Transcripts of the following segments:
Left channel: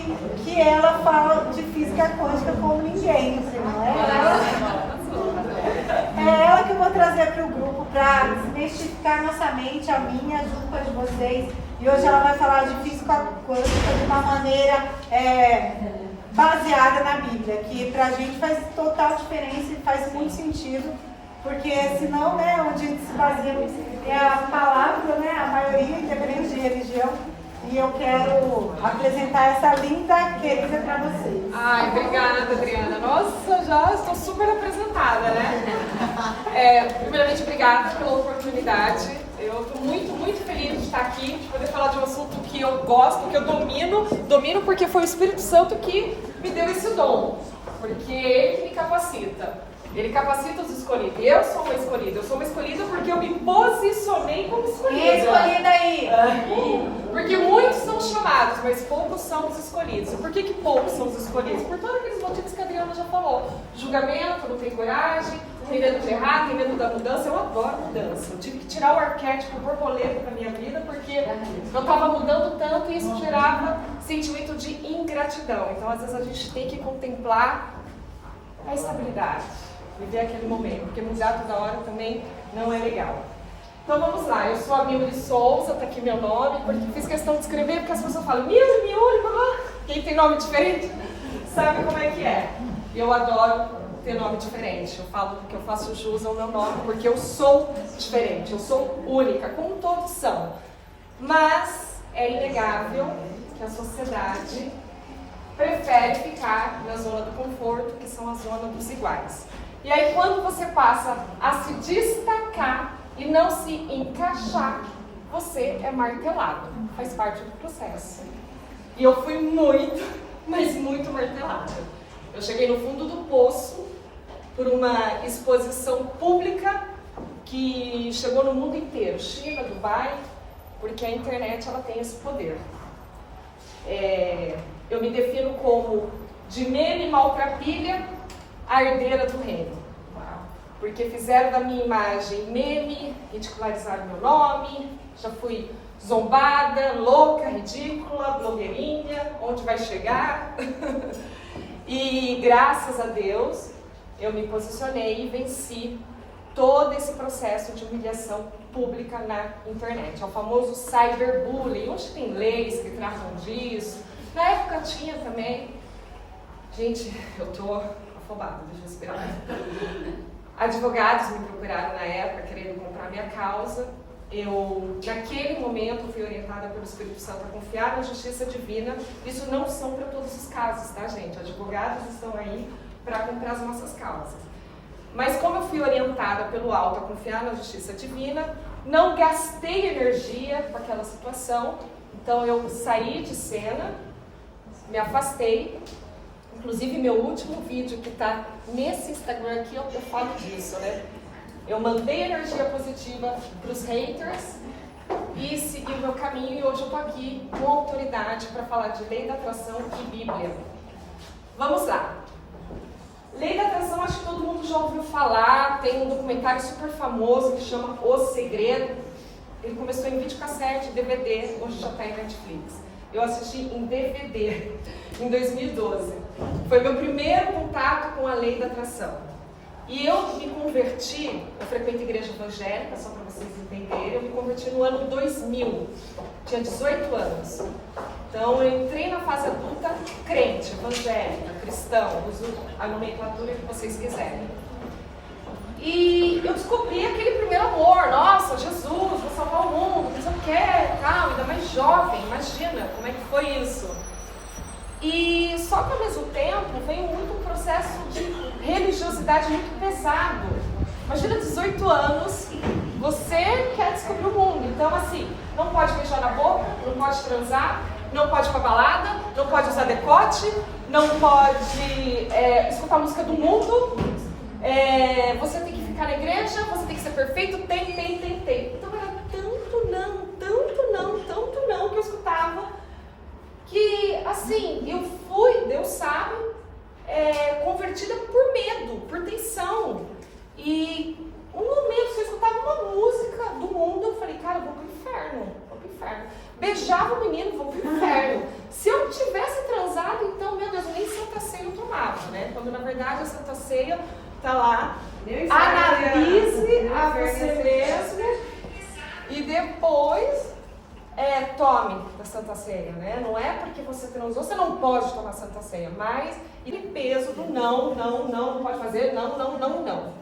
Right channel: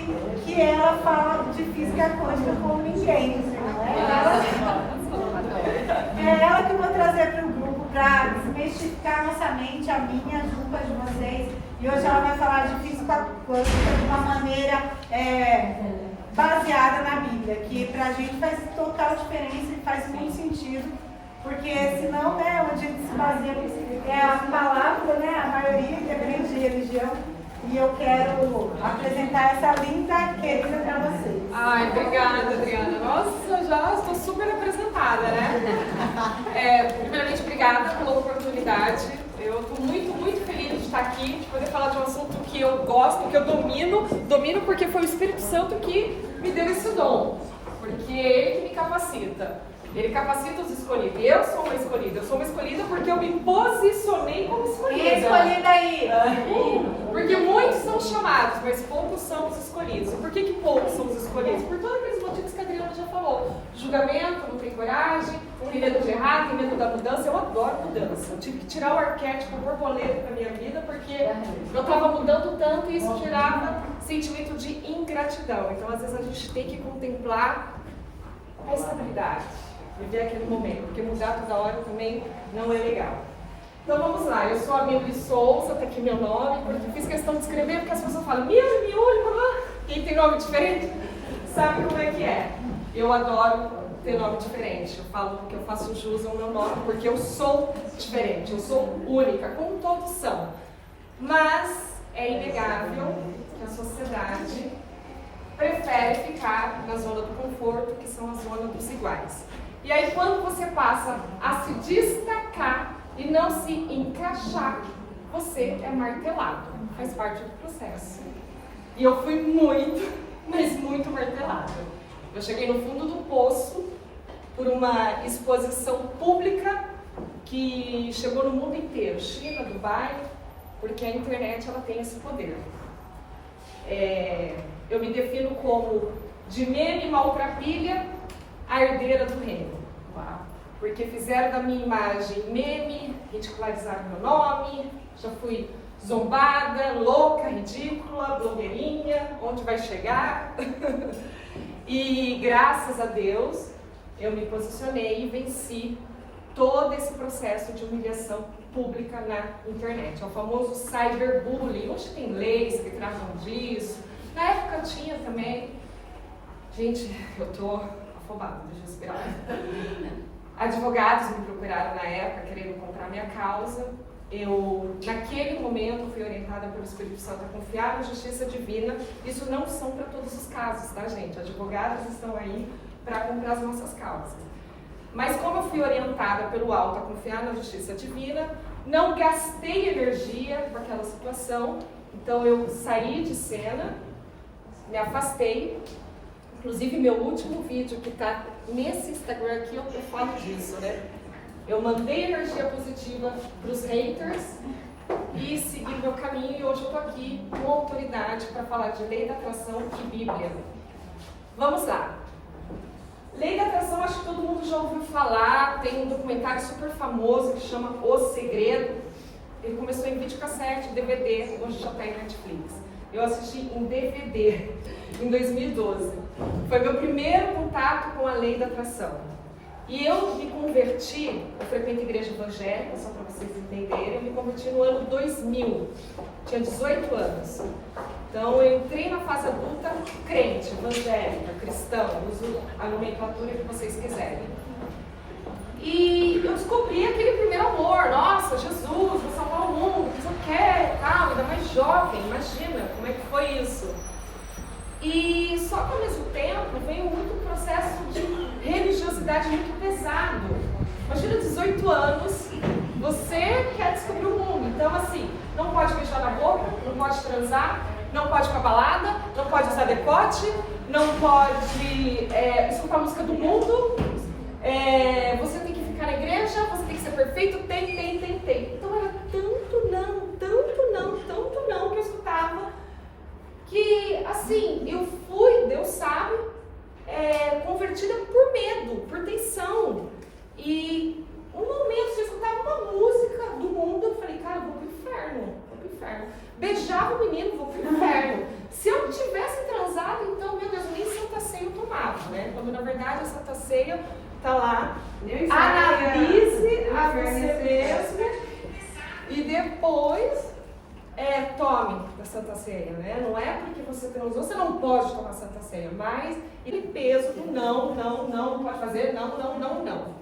que ela fala de física quântica como ninguém. Não é ela? É ela que eu vou trazer para o grupo para desmistificar nossa mente, a minha, junto com a de vocês. E hoje ela vai falar de física quântica de uma maneira baseada na Bíblia, que para a gente faz total diferença e faz muito sentido, porque senão, né, onde a gente se baseia é a palavra, né, a maioria, independente de religião. E eu quero apresentar essa linda querida para vocês. Ai, obrigada, Adriana. Nossa, já estou super apresentada, né? Primeiramente, obrigada pela oportunidade. Eu estou muito, muito feliz de estar aqui, de poder falar de um assunto que eu gosto, que eu domino porque foi o Espírito Santo que me deu esse dom, porque é ele que me capacita. Ele capacita os escolhidos. Eu sou uma escolhida. Eu sou uma escolhida porque eu me posicionei como escolhida. Quem é escolhida aí? Porque muitos são chamados, mas poucos são os escolhidos. E por que poucos são os escolhidos? Por todos aqueles motivos que a Adriana já falou. Julgamento, não tem coragem, tem medo de errar, tem medo da mudança. Eu adoro mudança. Eu tive que tirar o arquétipo borboleta da minha vida porque eu estava mudando tanto e isso gerava sentimento de ingratidão. Então, às vezes, a gente tem que contemplar a estabilidade. Viver aquele momento, porque mudar toda hora também não é legal. Então vamos lá, eu sou a Milly Souza, tá aqui meu nome, porque fiz questão de escrever, porque as pessoas falam Milly, quem tem nome diferente sabe como é que é. Eu adoro ter nome diferente, eu falo porque eu faço jus ao meu nome, porque eu sou diferente, eu sou única, como todos são. Mas é inegável que a sociedade prefere ficar na zona do conforto, que são a zona dos iguais. E aí quando você passa a se destacar e não se encaixar, você é martelado. Faz parte do processo. E eu fui muito, mas muito martelada. Eu cheguei no fundo do poço por uma exposição pública que chegou no mundo inteiro. China, Dubai, porque a internet ela tem esse poder. Eu me defino como de meme maltrapilha, a herdeira do reino. Porque fizeram da minha imagem meme, ridicularizaram meu nome, já fui zombada, louca, ridícula, blogueirinha, onde vai chegar? E graças a Deus, eu me posicionei e venci todo esse processo de humilhação pública na internet. É o famoso cyberbullying. Hoje tem leis que tratam disso. Na época tinha também. Gente, eu tô afobada, deixa eu respirar. Advogados me procuraram na época querendo comprar minha causa. Eu, naquele momento, fui orientada pelo Espírito Santo a confiar na justiça divina. Isso não são para todos os casos, tá, gente? Advogados estão aí para comprar as nossas causas. Mas como eu fui orientada pelo alto a confiar na justiça divina, não gastei energia com aquela situação. Então eu saí de cena, me afastei. Inclusive meu último vídeo que está nesse Instagram aqui, eu falo disso, né? Eu mandei energia positiva para os haters e segui o meu caminho, e hoje eu estou aqui com autoridade para falar de lei da atração e Bíblia. Vamos lá. Lei da atração, acho que todo mundo já ouviu falar, tem um documentário super famoso que chama O Segredo. Ele começou em videocassete, DVD, hoje já está em Netflix. Eu assisti em DVD em 2012. Foi meu primeiro contato com a lei da atração. E eu me converti, eu frequento igreja evangélica, só para vocês entenderem, eu me converti no ano 2000, tinha 18 anos. Então eu entrei na fase adulta crente, evangélica, cristão, uso a nomenclatura que vocês quiserem. E eu descobri aquele primeiro amor, nossa, Jesus, vou salvar o mundo, mas eu quero, tal, ainda mais jovem, imagina como é que foi isso. E só que ao mesmo tempo veio muito processo de religiosidade muito pesado. Imagina 18 anos, você quer descobrir o mundo, então assim, não pode beijar na boca, não pode transar, não pode ir pra balada, não pode usar decote, não pode escutar a música do mundo, você tem que ficar na igreja, você tem que ser perfeito, tem. Então era tanto não que eu escutava, que assim, eu fui, Deus sabe, convertida por medo, por tensão. E um momento, se eu escutava uma música do mundo, eu falei, cara, eu vou pro inferno. Beijava o menino, vou pro inferno. Se eu tivesse transado, Ceia, tá lá. Analise a você mesmo e depois tome da Santa Ceia, né? Não é porque você transou, você não pode tomar Santa Ceia, mas ele peso do não pode fazer, não.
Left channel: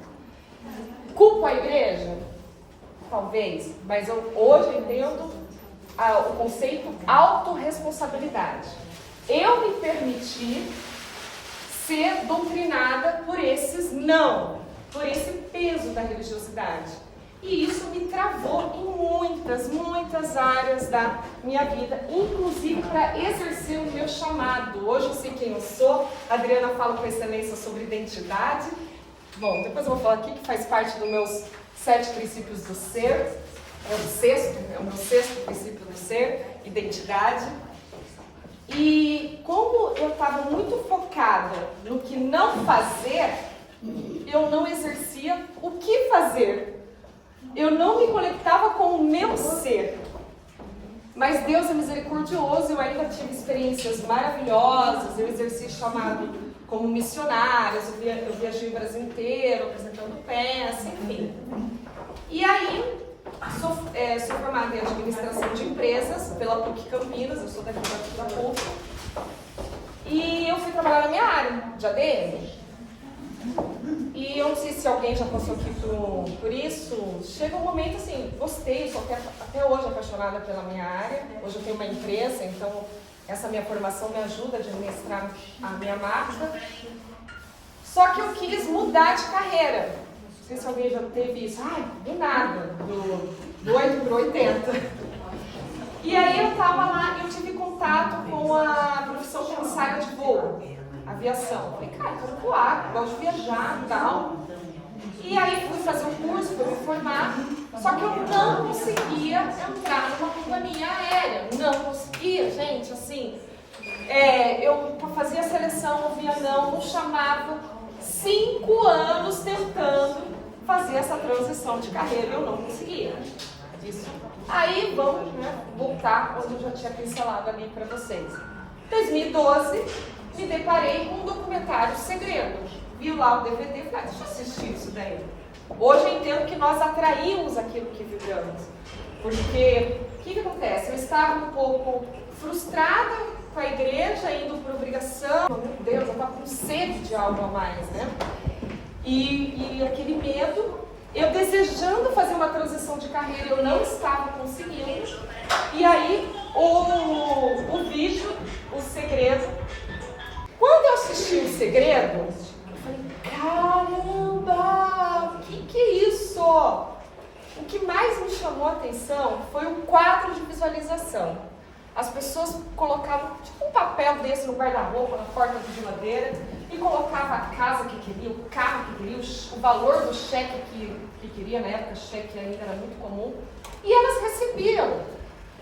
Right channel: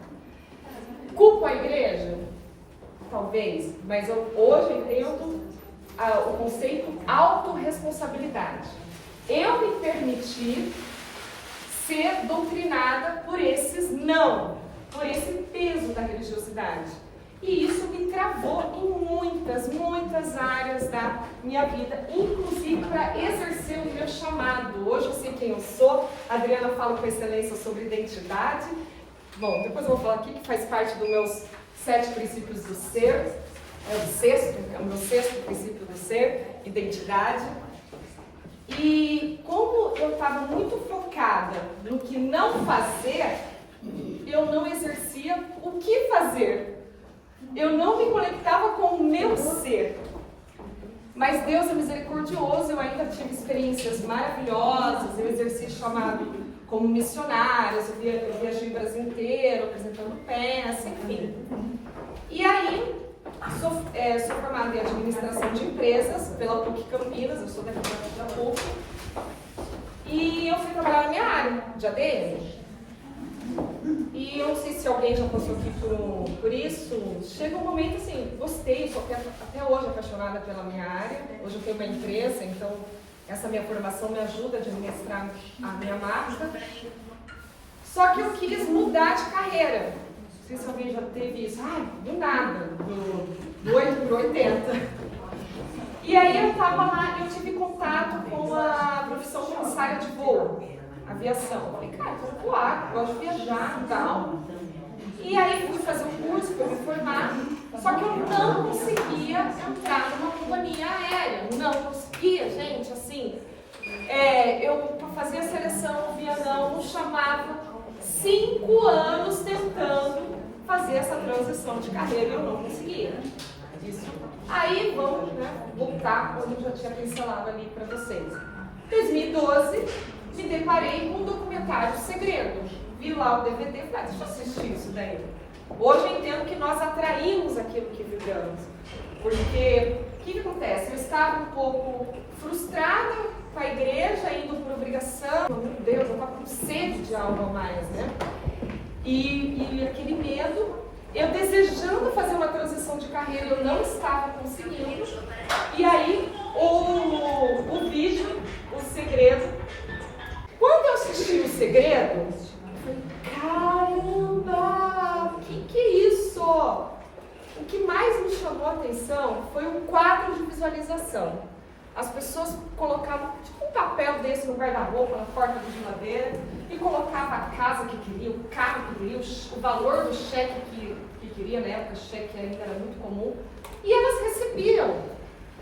Culpo a igreja? Talvez, mas hoje eu entendo o conceito autorresponsabilidade. Eu me permiti ser doutrinada por esses não, por esse peso da religiosidade. E isso me travou em muitas áreas da minha vida, inclusive para exercer o meu chamado. Hoje eu sei quem eu sou, a Adriana fala com excelência sobre identidade. Bom, depois eu vou falar aqui que faz parte dos meus 7 princípios do ser, é o meu sexto princípio do ser, identidade. E como eu estava muito focada no que não fazer, eu não exercia o que fazer. Eu não me conectava com o meu ser. Mas Deus é misericordioso, eu ainda tive experiências maravilhosas, eu exerci chamado como missionária, eu viajei o Brasil inteiro, apresentando peça, enfim. E aí, sou formada em administração de empresas pela PUC Campinas, eu sou daqui da PUC. E eu fui trabalhar na minha área de ADM. E eu não sei se alguém já passou aqui por isso. Chega um momento assim, gostei, sou até hoje apaixonada pela minha área. Hoje eu tenho uma empresa, então essa minha formação me ajuda a administrar a minha marca. Só que eu quis mudar de carreira. Não sei se alguém já teve isso. Do nada, do 8 para 80. E aí eu estava lá e eu tive contato com a profissão comissária de voo, aviação. Falei, cara, eu quero voar, gosto de viajar e tal. E aí fui fazer um curso para me formar, só que eu não conseguia entrar numa companhia aérea. Não conseguia, gente, assim. Eu fazia seleção, não via não chamava. 5 anos tentando fazer essa transição de carreira e eu não conseguia. Isso. Aí vamos voltar quando eu já tinha pincelado ali para vocês. Em 2012, me deparei com um documentário Segredo. Vi lá o DVD e falei, deixa eu assistir isso daí. Hoje eu entendo que nós atraímos aquilo que vivemos. Porque, o que acontece? Eu estava um pouco frustrada com a igreja, indo por obrigação. Meu Deus, eu estava com sede de algo a mais, né? E aquele medo, eu desejando fazer uma transição de carreira, eu não estava conseguindo. E aí, o vídeo, o Segredo. Quando eu assisti o Segredo, eu falei, caramba, que é isso? O que mais me chamou a atenção foi o quadro de visualização. As pessoas colocavam tipo um papel desse no guarda-roupa, na porta da geladeira, e colocavam a casa que queria, o carro que queria, o valor do cheque que queria, na época o cheque ainda era muito comum, e elas recebiam.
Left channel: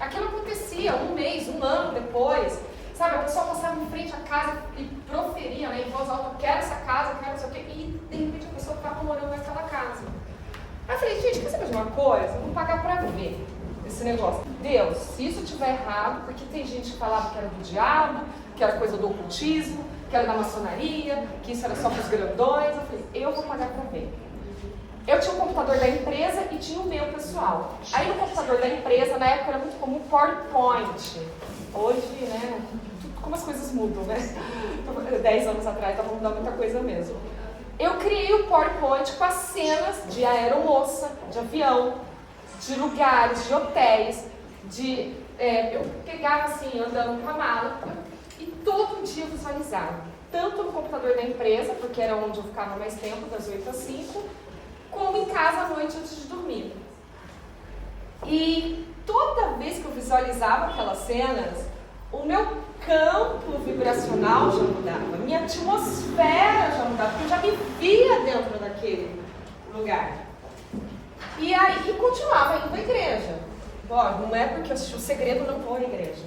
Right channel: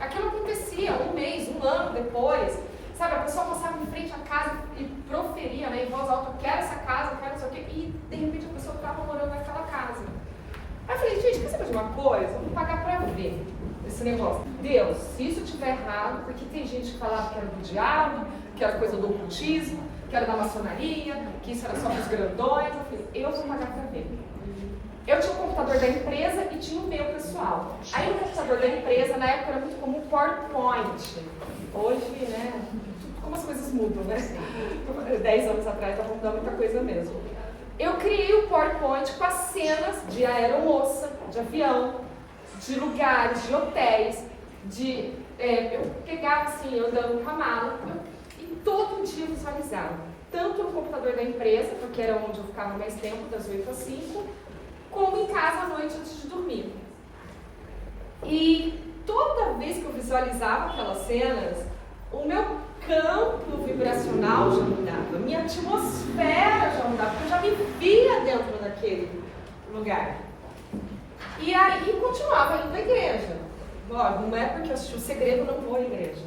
Aquilo acontecia 1 mês, 1 ano depois. Sabe, a pessoa passava em frente à casa e proferia, né, em voz alta, eu quero essa casa, eu quero não sei o quê, e de repente a pessoa estava morando naquela casa. Aí eu falei, gente, quer saber de uma coisa? Vamos pagar pra ver esse negócio. Deus, se isso estiver errado, porque tem gente que falava que era do diabo, que era coisa do ocultismo, que era da maçonaria, que isso era só para os grandões. Eu falei, eu vou pagar pra ver. Eu tinha o computador da empresa e tinha o meu pessoal. Aí no computador da empresa, na época era muito comum PowerPoint. Hoje, né, como as coisas mudam, né? 10 anos atrás estava mudando muita coisa mesmo. Eu criei o PowerPoint com as cenas de aeromoça, de avião, de lugares, de hotéis, eu pegava assim, andando com a mala, e todo dia eu visualizava. Tanto no computador da empresa, porque era onde eu ficava mais tempo, das 8 às 5, como em casa à noite antes de dormir. E toda vez que eu visualizava aquelas cenas, o meu campo vibracional já mudava, a minha atmosfera já mudava, porque eu já me via dentro daquele lugar. E aí continuava indo à igreja. Bom, não é porque eu assisti o Segredo, não vou à igreja.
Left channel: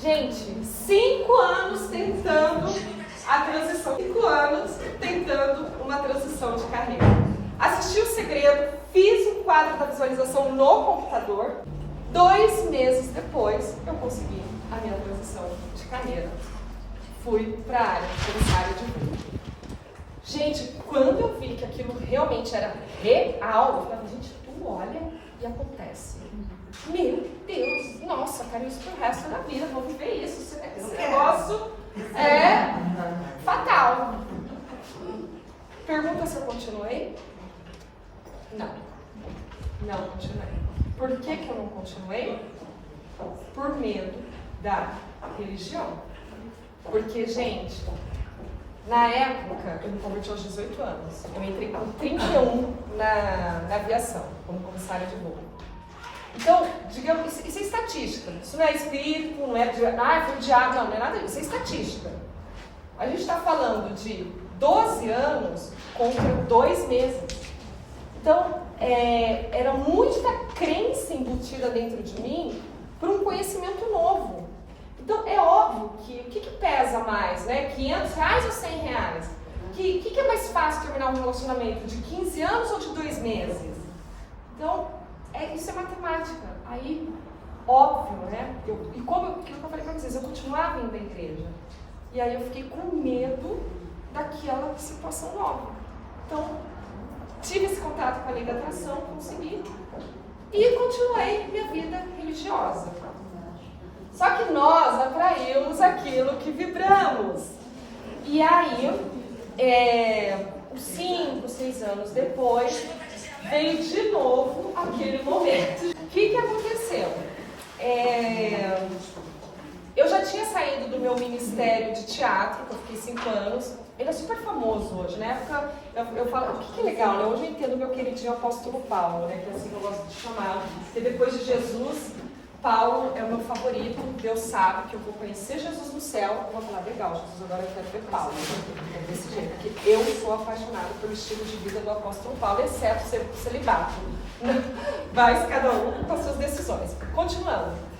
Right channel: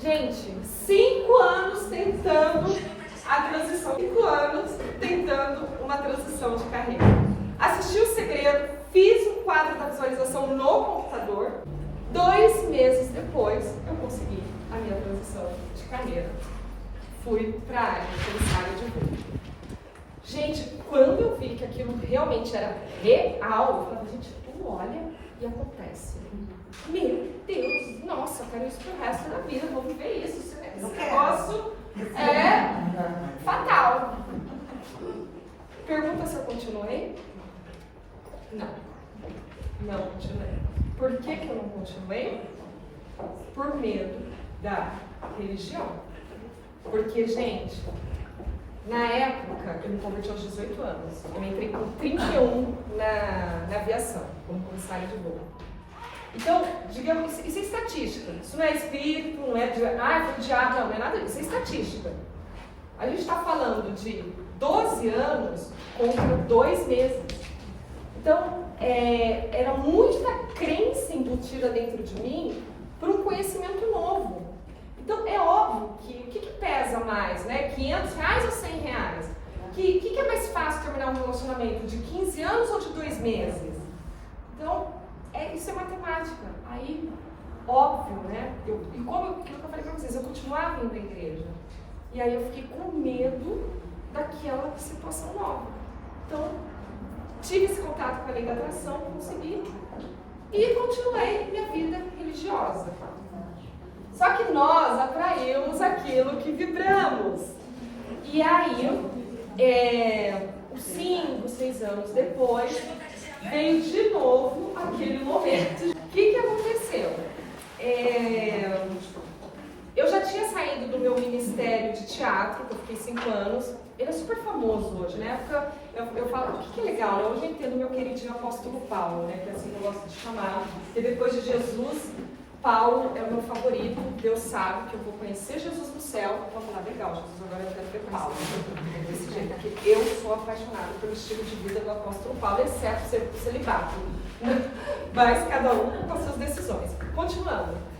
Gente, 5 anos tentando a transição, 5 anos tentando uma transição de carreira. Assisti o Segredo, fiz o quadro da visualização no computador. 2 meses depois, eu consegui a minha transição de carreira. Fui para a área de comissária de voo. Gente, quando eu vi que aquilo realmente era real, eu falava, gente, tu olha e acontece. Meu Deus, nossa, quero isso pro resto da vida, vou viver isso. Esse negócio é fatal. Pergunta se eu continuei? Não. Não continuei. Por que eu não continuei? Por medo da religião. Porque, gente, na época, eu me converti aos 18 anos. Eu entrei com 31 na aviação, como comissária de voo. Então, digamos, isso é estatística. Isso não é espírito, não é foi o diabo, não é nada disso. Isso é estatística. A gente está falando de 12 anos contra 2 meses. Então, era muita crença embutida dentro de mim por um conhecimento novo. Então, é óbvio que o que pesa mais, né? R$500 ou R$100? O que é mais fácil terminar um relacionamento? De 15 anos ou de 2 meses? Então, isso é matemática. Aí, óbvio, né? E como eu falei para vocês, eu continuava indo à igreja. E aí eu fiquei com medo daquela situação nova. Então, tive esse contato com a lei da atração, consegui. E continuei minha vida religiosa. Só que nós atraímos aquilo que vibramos. E aí, 5, 6 anos depois, veio de novo aquele momento. O que aconteceu? Eu já tinha saído do meu ministério de teatro, que eu fiquei 5 anos. Ele é super famoso hoje. Na época, eu falo, o que é legal, né? Hoje eu entendo o meu queridinho apóstolo Paulo, né? Que é assim que eu gosto de chamar. Porque depois de Jesus, Paulo é o meu favorito. Deus sabe que eu vou conhecer Jesus no céu. Eu vou falar, legal, Jesus, agora eu quero ver Paulo. Desse jeito, porque eu sou apaixonada pelo estilo de vida do apóstolo Paulo, exceto ser celibato. Mas cada um com as suas decisões. Continuando.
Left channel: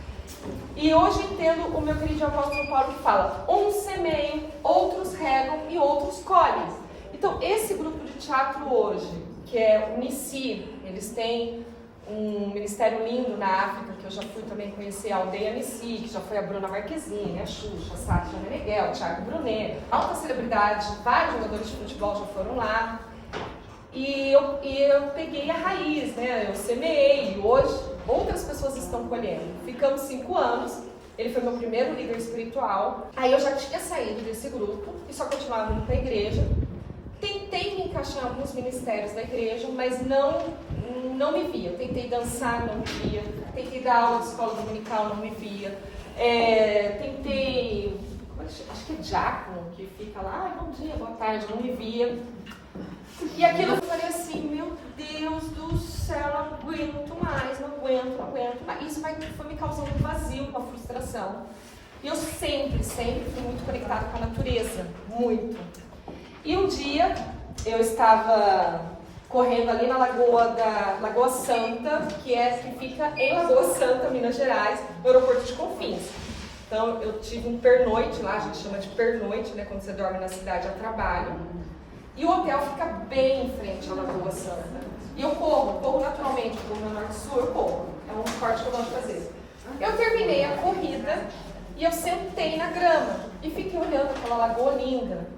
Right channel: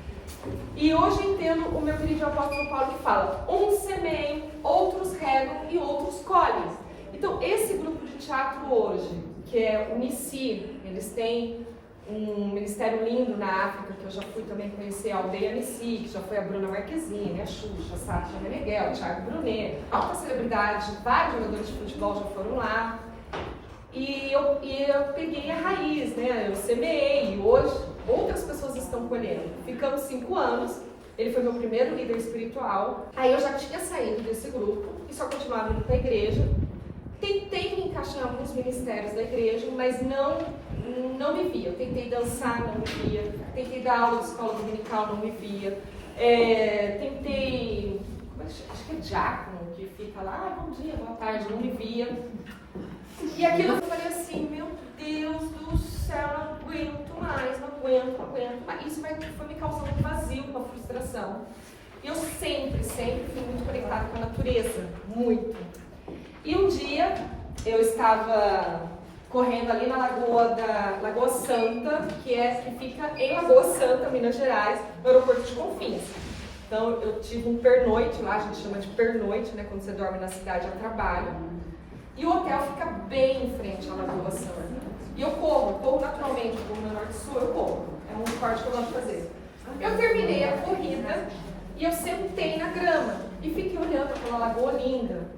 E hoje entendo o meu querido apóstolo Paulo que fala: uns semeiam, outros regam e outros colhem. Então, esse grupo de teatro hoje, que é o Nissi, eles têm um ministério lindo na África, que eu já fui também conhecer a Aldeia Nissi, que já foi a Bruna Marquezine, a Xuxa, a Sátia Meneghel, o Thiago Brunet, alta celebridade, vários jogadores de futebol já foram lá. E eu peguei a raiz, né? Eu semeei, e hoje outras pessoas estão colhendo. Ficamos 5 anos, ele foi meu primeiro líder espiritual. Aí eu já tinha saído desse grupo e só continuava indo para a igreja. Tentei me encaixar em alguns ministérios da igreja, mas não me via. Eu tentei dançar, não me via. Tentei dar aula de escola dominical, não me via. Tentei, acho que é diácono, que fica lá, bom dia, boa tarde, não me via. E aquilo eu falei assim, meu Deus do céu, não aguento mais, não aguento mais. Isso foi me causando um vazio, uma frustração. E eu sempre fui muito conectada com a natureza, muito. E um dia eu estava correndo ali na Lagoa Santa, que fica em Lagoa Santa, Minas Gerais, no aeroporto de Confins. Então eu tive um pernoite lá, a gente chama de pernoite, né, quando você dorme na cidade a trabalho. E o hotel fica bem em frente à Lagoa Santa. E eu corro naturalmente, do meu norte-sul, eu corro. É um esporte que eu gosto de fazer. Eu terminei a corrida e eu sentei na grama e fiquei olhando aquela lagoa linda.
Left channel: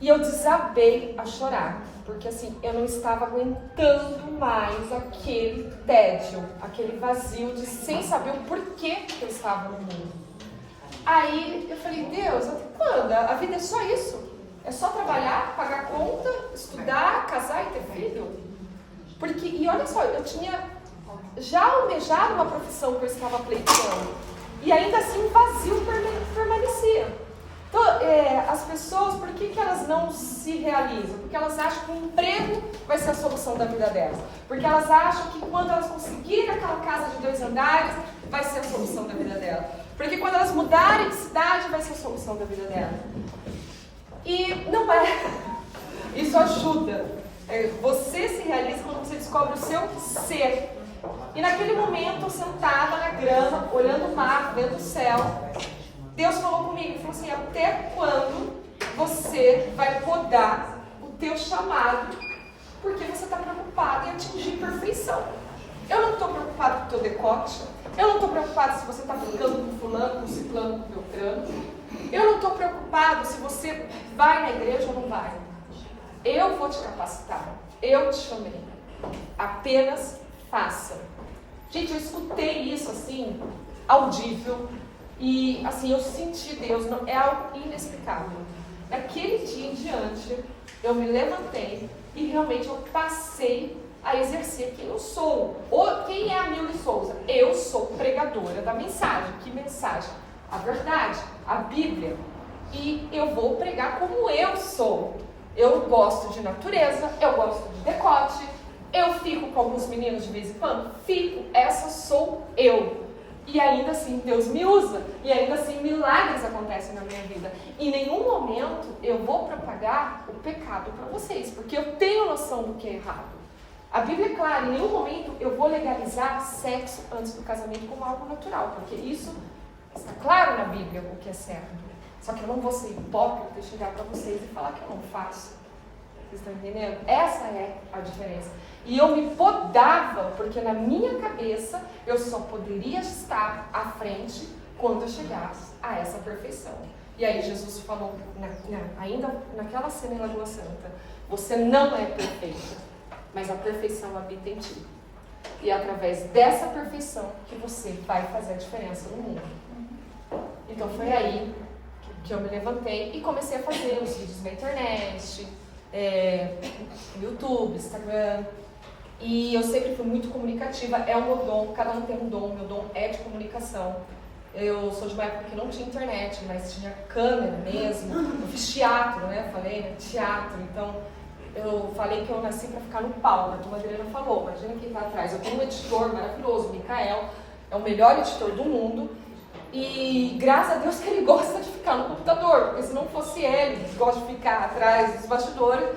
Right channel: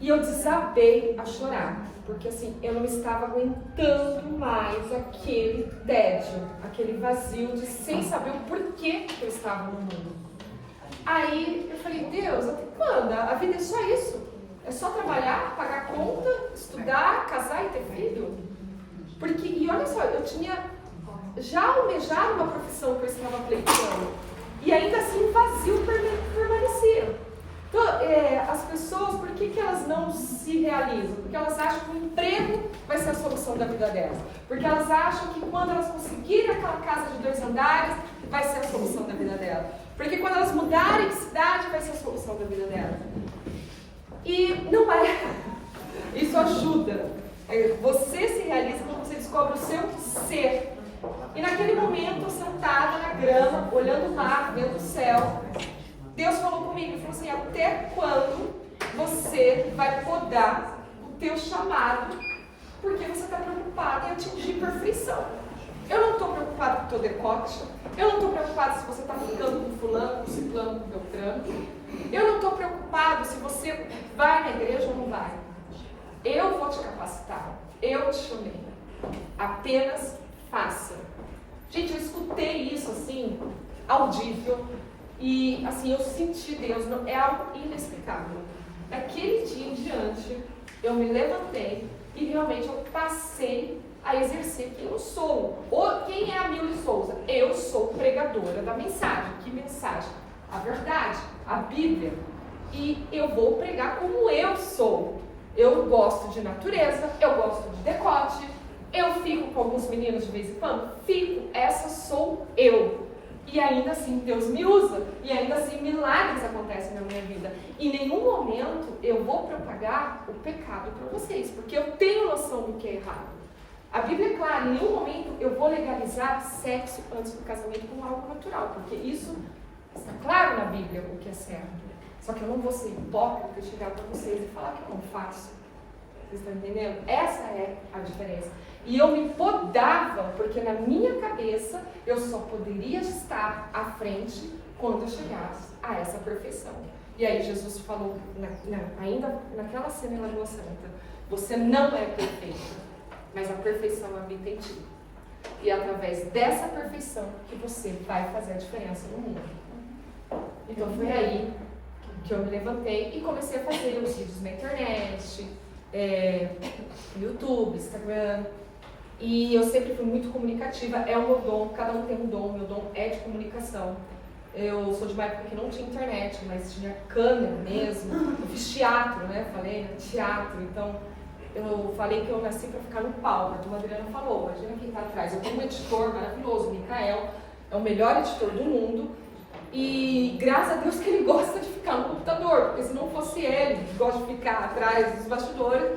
E eu desabei a chorar, porque assim, eu não estava aguentando mais aquele tédio, aquele vazio de sem saber o porquê que eu estava no mundo. Aí eu falei, Deus, até quando? A vida é só isso? É só trabalhar, pagar conta, estudar, casar e ter filho? E olha só, eu tinha já almejado uma profissão que eu estava pleiteando. E ainda assim um vazio permanecia. Então, as pessoas, por que elas não se realizam? Porque elas acham que o emprego vai ser a solução da vida delas. Porque elas acham que quando elas conseguirem aquela casa de 2 andares, vai ser a solução da vida delas. Porque quando elas mudarem de cidade, vai ser a solução da vida delas. E não é. Isso ajuda. Você se realiza quando você descobre o seu ser. E naquele momento, sentada na grama, olhando o mar, vendo o céu, Deus falou comigo e falou assim, até quando você vai podar o teu chamado, porque você está preocupado em atingir perfeição. Eu não estou preocupada com o teu decote, eu não estou preocupada se você está ficando com fulano, com ciclano, com beltrano. Eu não estou preocupado se você vai na igreja ou não vai. Eu vou te capacitar. Eu te chamei. Apenas faça. Gente, eu escutei isso assim, audível. E assim, eu senti Deus. É algo inexplicável. Daquele dia em diante, eu me levantei e realmente eu passei a exercer quem eu sou. Quem é a Milly Souza? Eu sou pregadora da mensagem. Que mensagem? A verdade, a Bíblia. E eu vou pregar como eu sou. Eu gosto de natureza, eu gosto de decote, eu fico com alguns meninos de vez em quando. Fico, essa sou eu. E ainda assim Deus me usa, e ainda assim milagres acontecem na minha vida. Em nenhum momento eu vou propagar o pecado para vocês, porque eu tenho noção do que é errado. A Bíblia é clara, em nenhum momento eu vou legalizar sexo antes do casamento como algo natural, porque isso está claro na Bíblia o que é certo. Só que eu não vou ser hipócrita e chegar para vocês e falar que eu não faço. Vocês estão entendendo? Essa é a diferença. E eu me podava, porque na minha cabeça eu só poderia estar à frente quando eu chegasse a essa perfeição. E aí Jesus falou, ainda naquela cena em Lagoa Santa, você não é perfeito, mas a perfeição habita em ti. E é através dessa perfeição que você vai fazer a diferença no mundo. Então foi aí que eu me levantei e comecei a fazer os vídeos na internet, YouTube, Instagram. E eu sempre fui muito comunicativa, é o meu dom, cada um tem um dom, o meu dom é de comunicação. Eu sou de uma época que não tinha internet, mas tinha câmera mesmo. Eu fiz teatro, né? Falei, né? Teatro. Então, eu falei que eu nasci para ficar no palco. A Dona Adriana falou, imagina quem está atrás. Eu tenho um editor maravilhoso, o Micael, é o melhor editor do mundo. E graças a Deus que ele gosta de ficar no computador, porque se não fosse ele, que gosta de ficar atrás dos bastidores,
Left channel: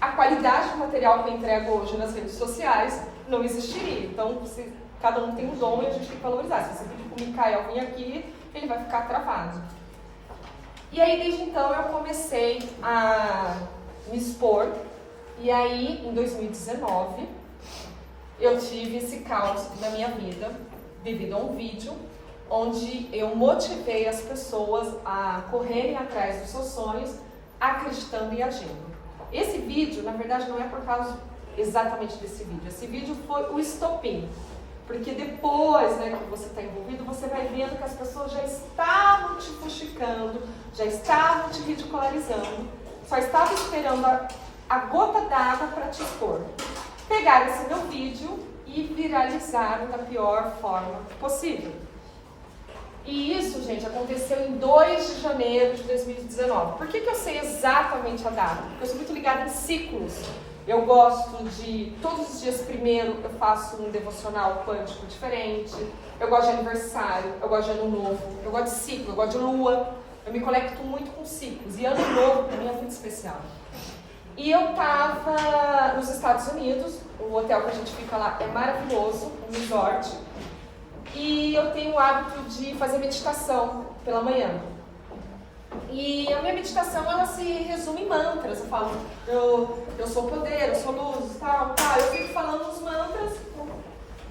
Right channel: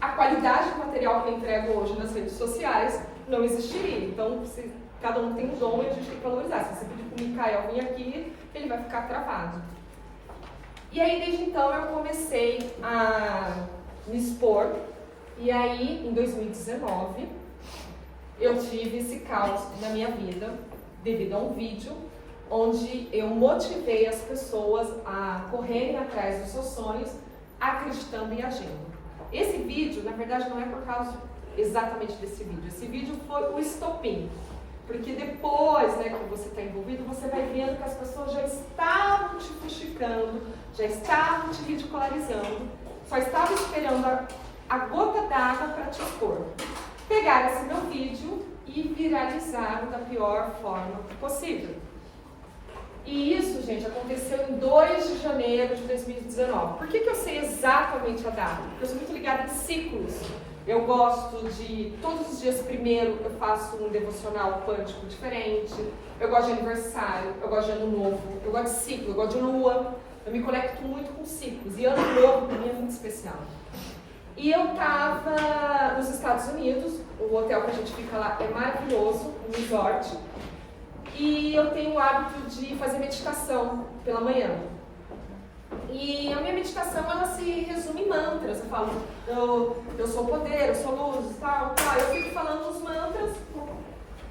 a qualidade do material que eu entrego hoje nas redes sociais não existiria. Então, se cada um tem um dom e a gente tem que valorizar. Se você pedir para o Micael vir aqui, ele vai ficar travado. E aí, desde então, eu comecei a me expor. E aí, em 2019, eu tive esse caos na minha vida, devido a um vídeo, onde eu motivei as pessoas a correrem atrás dos seus sonhos, acreditando e agindo. Esse vídeo, na verdade, não é por causa exatamente desse vídeo. Esse vídeo foi o estopim. Porque depois, né, que você está envolvido, você vai vendo que as pessoas já estavam te fuxicando, já estavam te ridicularizando, só estavam esperando a gota d'água para te expor. Pegaram esse meu vídeo e viralizaram da pior forma possível. E isso, gente, aconteceu em 2 de janeiro de 2019. Por que eu sei exatamente a data? Porque eu sou muito ligada em ciclos. Eu gosto de, todos os dias primeiro, eu faço um devocional quântico diferente. Eu gosto de aniversário, eu gosto de ano novo, eu gosto de ciclo, eu gosto de lua. Eu me conecto muito com ciclos. E ano novo, para mim, é muito especial. E eu estava nos Estados Unidos, o hotel que a gente fica lá é maravilhoso, um resort. E eu tenho o hábito de fazer meditação pela manhã. E a minha meditação, ela se resume em mantras. Eu falo, eu sou poder, eu sou luz, tal. Eu fico falando os mantras.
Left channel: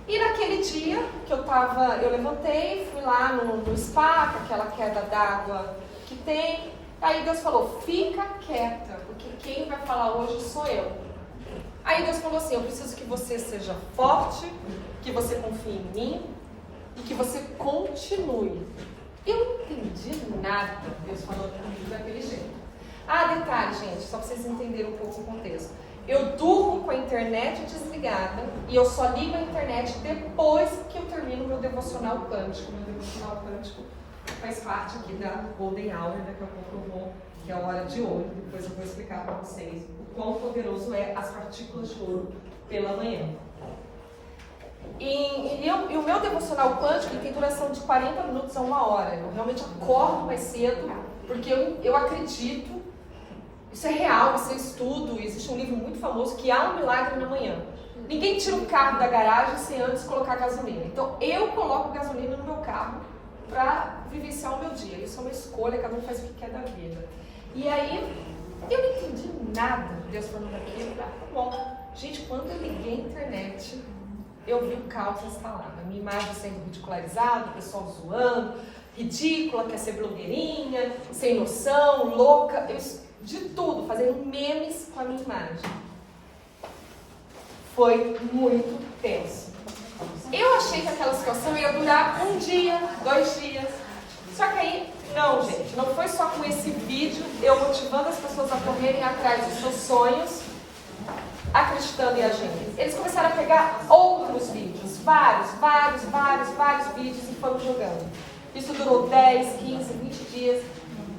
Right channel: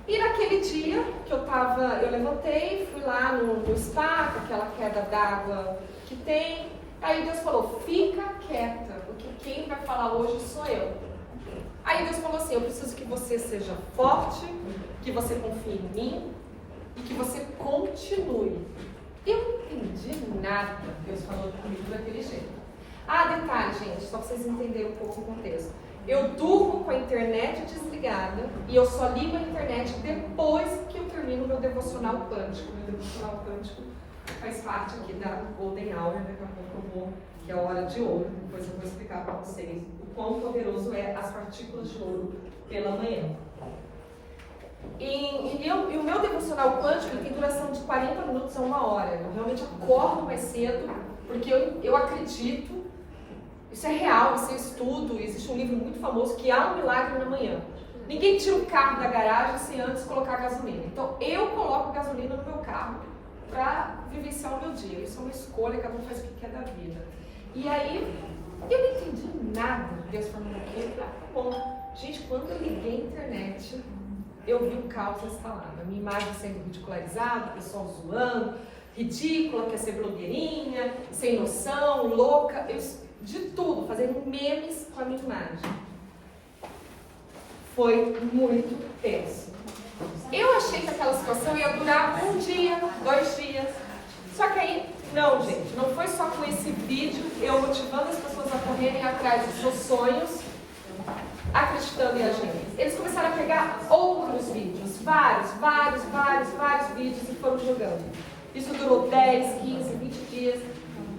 E naquele dia que eu levantei, fui lá no spa, com aquela queda d'água que tem. Aí Deus falou, fica quieta, porque quem vai falar hoje sou eu. Aí Deus falou assim, eu preciso que você seja forte, que você confie em mim, e que você continue. Eu não entendi nada, Deus falou comigo daquele jeito. Detalhe, gente, só para vocês entenderem um pouco o contexto. Eu durmo com a internet desligada e eu só ligo a internet depois que eu termino o meu devocional quântico. Meu devocional quântico faz parte aqui da Golden Hour, daqui a pouco eu vou, que é a hora de ouro. Depois eu vou explicar para vocês o quão poderoso é as partículas de ouro pela manhã. E o meu devocional quântico tem duração de 40 minutos a 1 hora. Eu realmente acordo mais cedo, porque eu acredito, isso é real, isso é estudo, existe um livro muito famoso que há um milagre na manhã. Ninguém tira o carro da garagem sem antes colocar gasolina. Então eu coloco gasolina no meu carro para vivenciar o meu dia. Isso é uma escolha, cada um faz o que quer da vida. E aí, eu não entendi nada, Deus falando aquilo. Bom, gente, quando eu liguei a internet, eu vi o caos instalado, a minha imagem sendo ridicularizada, o pessoal zoando, ridícula, quer ser blogueirinha, sem noção, louca. de tudo, fazendo memes com a minha imagem. Foi muito tenso. Eu achei que aquela situação ia durar 1 dia, 2 dias. Só que aí, não, gente, não foi só com esse vídeo, eu motivando as pessoas a correrem atrás dos seus sonhos, acreditando em agindo. Eles começaram a pegar outros vídeos, vários vídeos e foram jogando. Isso durou 10, 15, 20 dias.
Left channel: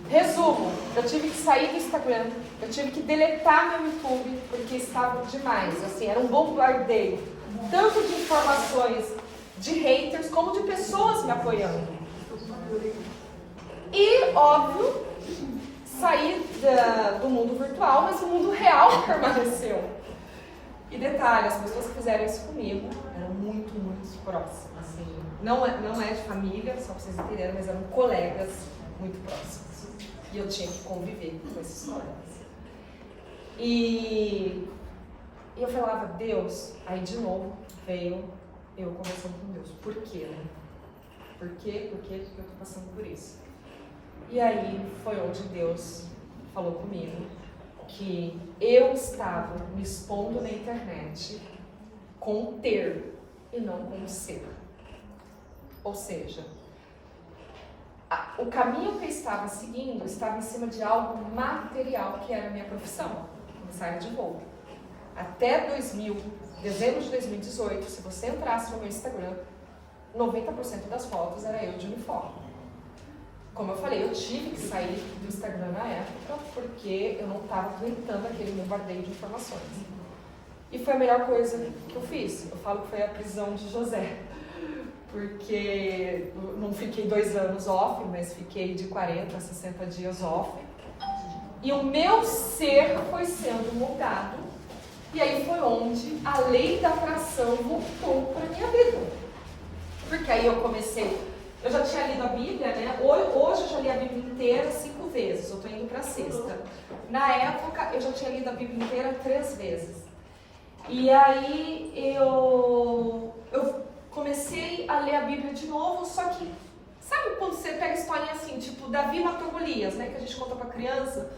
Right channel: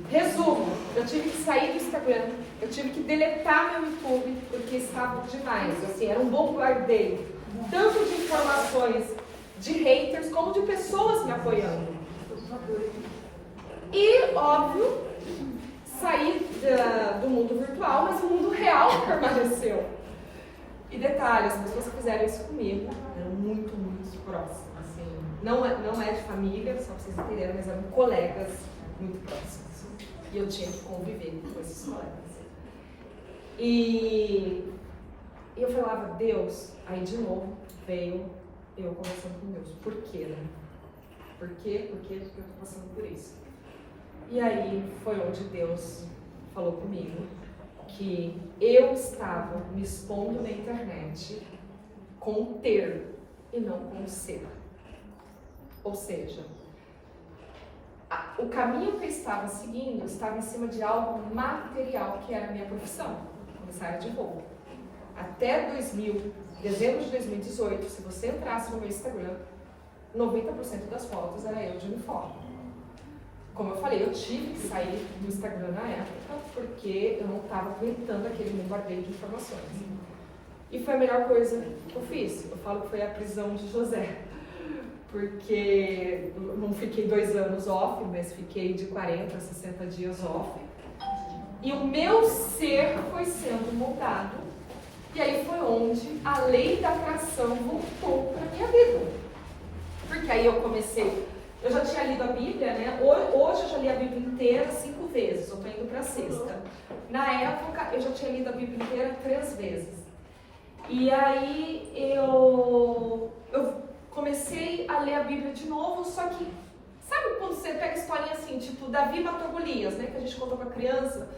Resumo, eu tive que sair do Instagram, eu tive que deletar meu YouTube, porque estava demais, assim, era um bombardeio, tanto de informações de haters, como de pessoas me apoiando. E, óbvio, saí do mundo virtual, mas o mundo real permaneceu. E detalhe, as pessoas que fizeram isso comigo eram muito próximas, assim, não é de família, só para vocês entenderem, mas eram colegas muito próximos. E eu tinha que conviver com esses colegas. E eu falava, Deus, aí de novo veio eu conversando com Deus. Por quê, né? Por quê? Porque eu estou passando por isso. E aí foi onde Deus falou comigo que eu estava me expondo na internet com ter e não com ser. Ou seja, o caminho que eu estava seguindo estava em cima de algo material, que era a minha profissão, comissária de voo. Até dezembro de 2018, se você entrasse no meu Instagram, 90% das fotos era eu de uniforme. Como eu falei, eu tive que sair do Instagram na época, porque eu não estava aguentando aquele bombardeio de informações. E foi a melhor coisa que eu fiz. Eu falo que foi a prisão de José. Porque eu não fiquei 2 anos off, mas fiquei de 40 a 60 dias off. E o meu ser foi sendo moldado. E aí foi onde a lei da atração voltou para a minha vida. Porque aí eu comecei... Eu já tinha lido a Bíblia, né? Hoje eu já li a Bíblia inteira 5 vezes. Eu estou indo para a 6ª. Na época, eu já tinha lido a Bíblia inteira 3 vezes. E aí eu comecei a ler a Bíblia de novo, só que, sabe quando você pega historinha assim, tipo, Davi matou Golias, né, que a gente conta pra criança,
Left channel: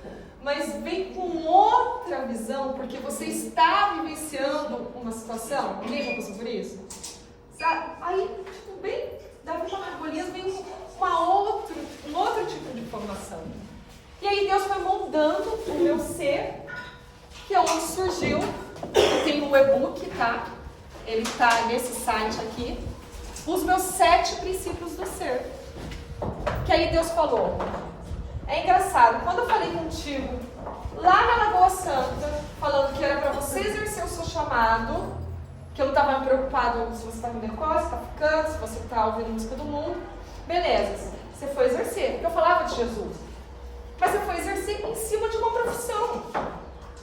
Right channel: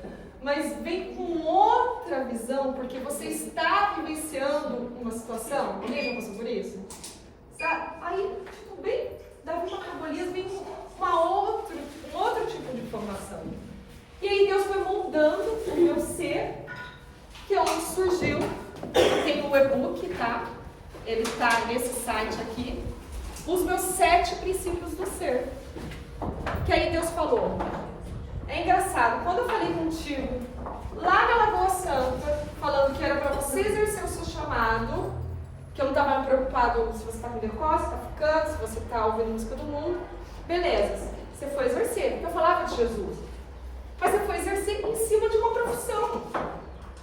mas vem com outra visão, porque você está vivenciando uma situação, ninguém já passou por isso? Sabe? Aí, tipo, bem, Davi matou Golias, vem com um outro tipo de informação. E aí Deus foi moldando o meu ser, que é onde surgiu, eu tenho o e-book, tá? Ele está nesse site aqui, os meus 7 princípios do ser. Que aí Deus falou. É engraçado, quando eu falei contigo, lá na Lagoa Santa, falando que era para você exercer o seu chamado, que eu não estava preocupado se você está com decose, se está ficando, se você está ouvindo música do mundo, beleza, você foi exercer, porque eu falava de Jesus. Mas você foi exercer em cima de uma profissão.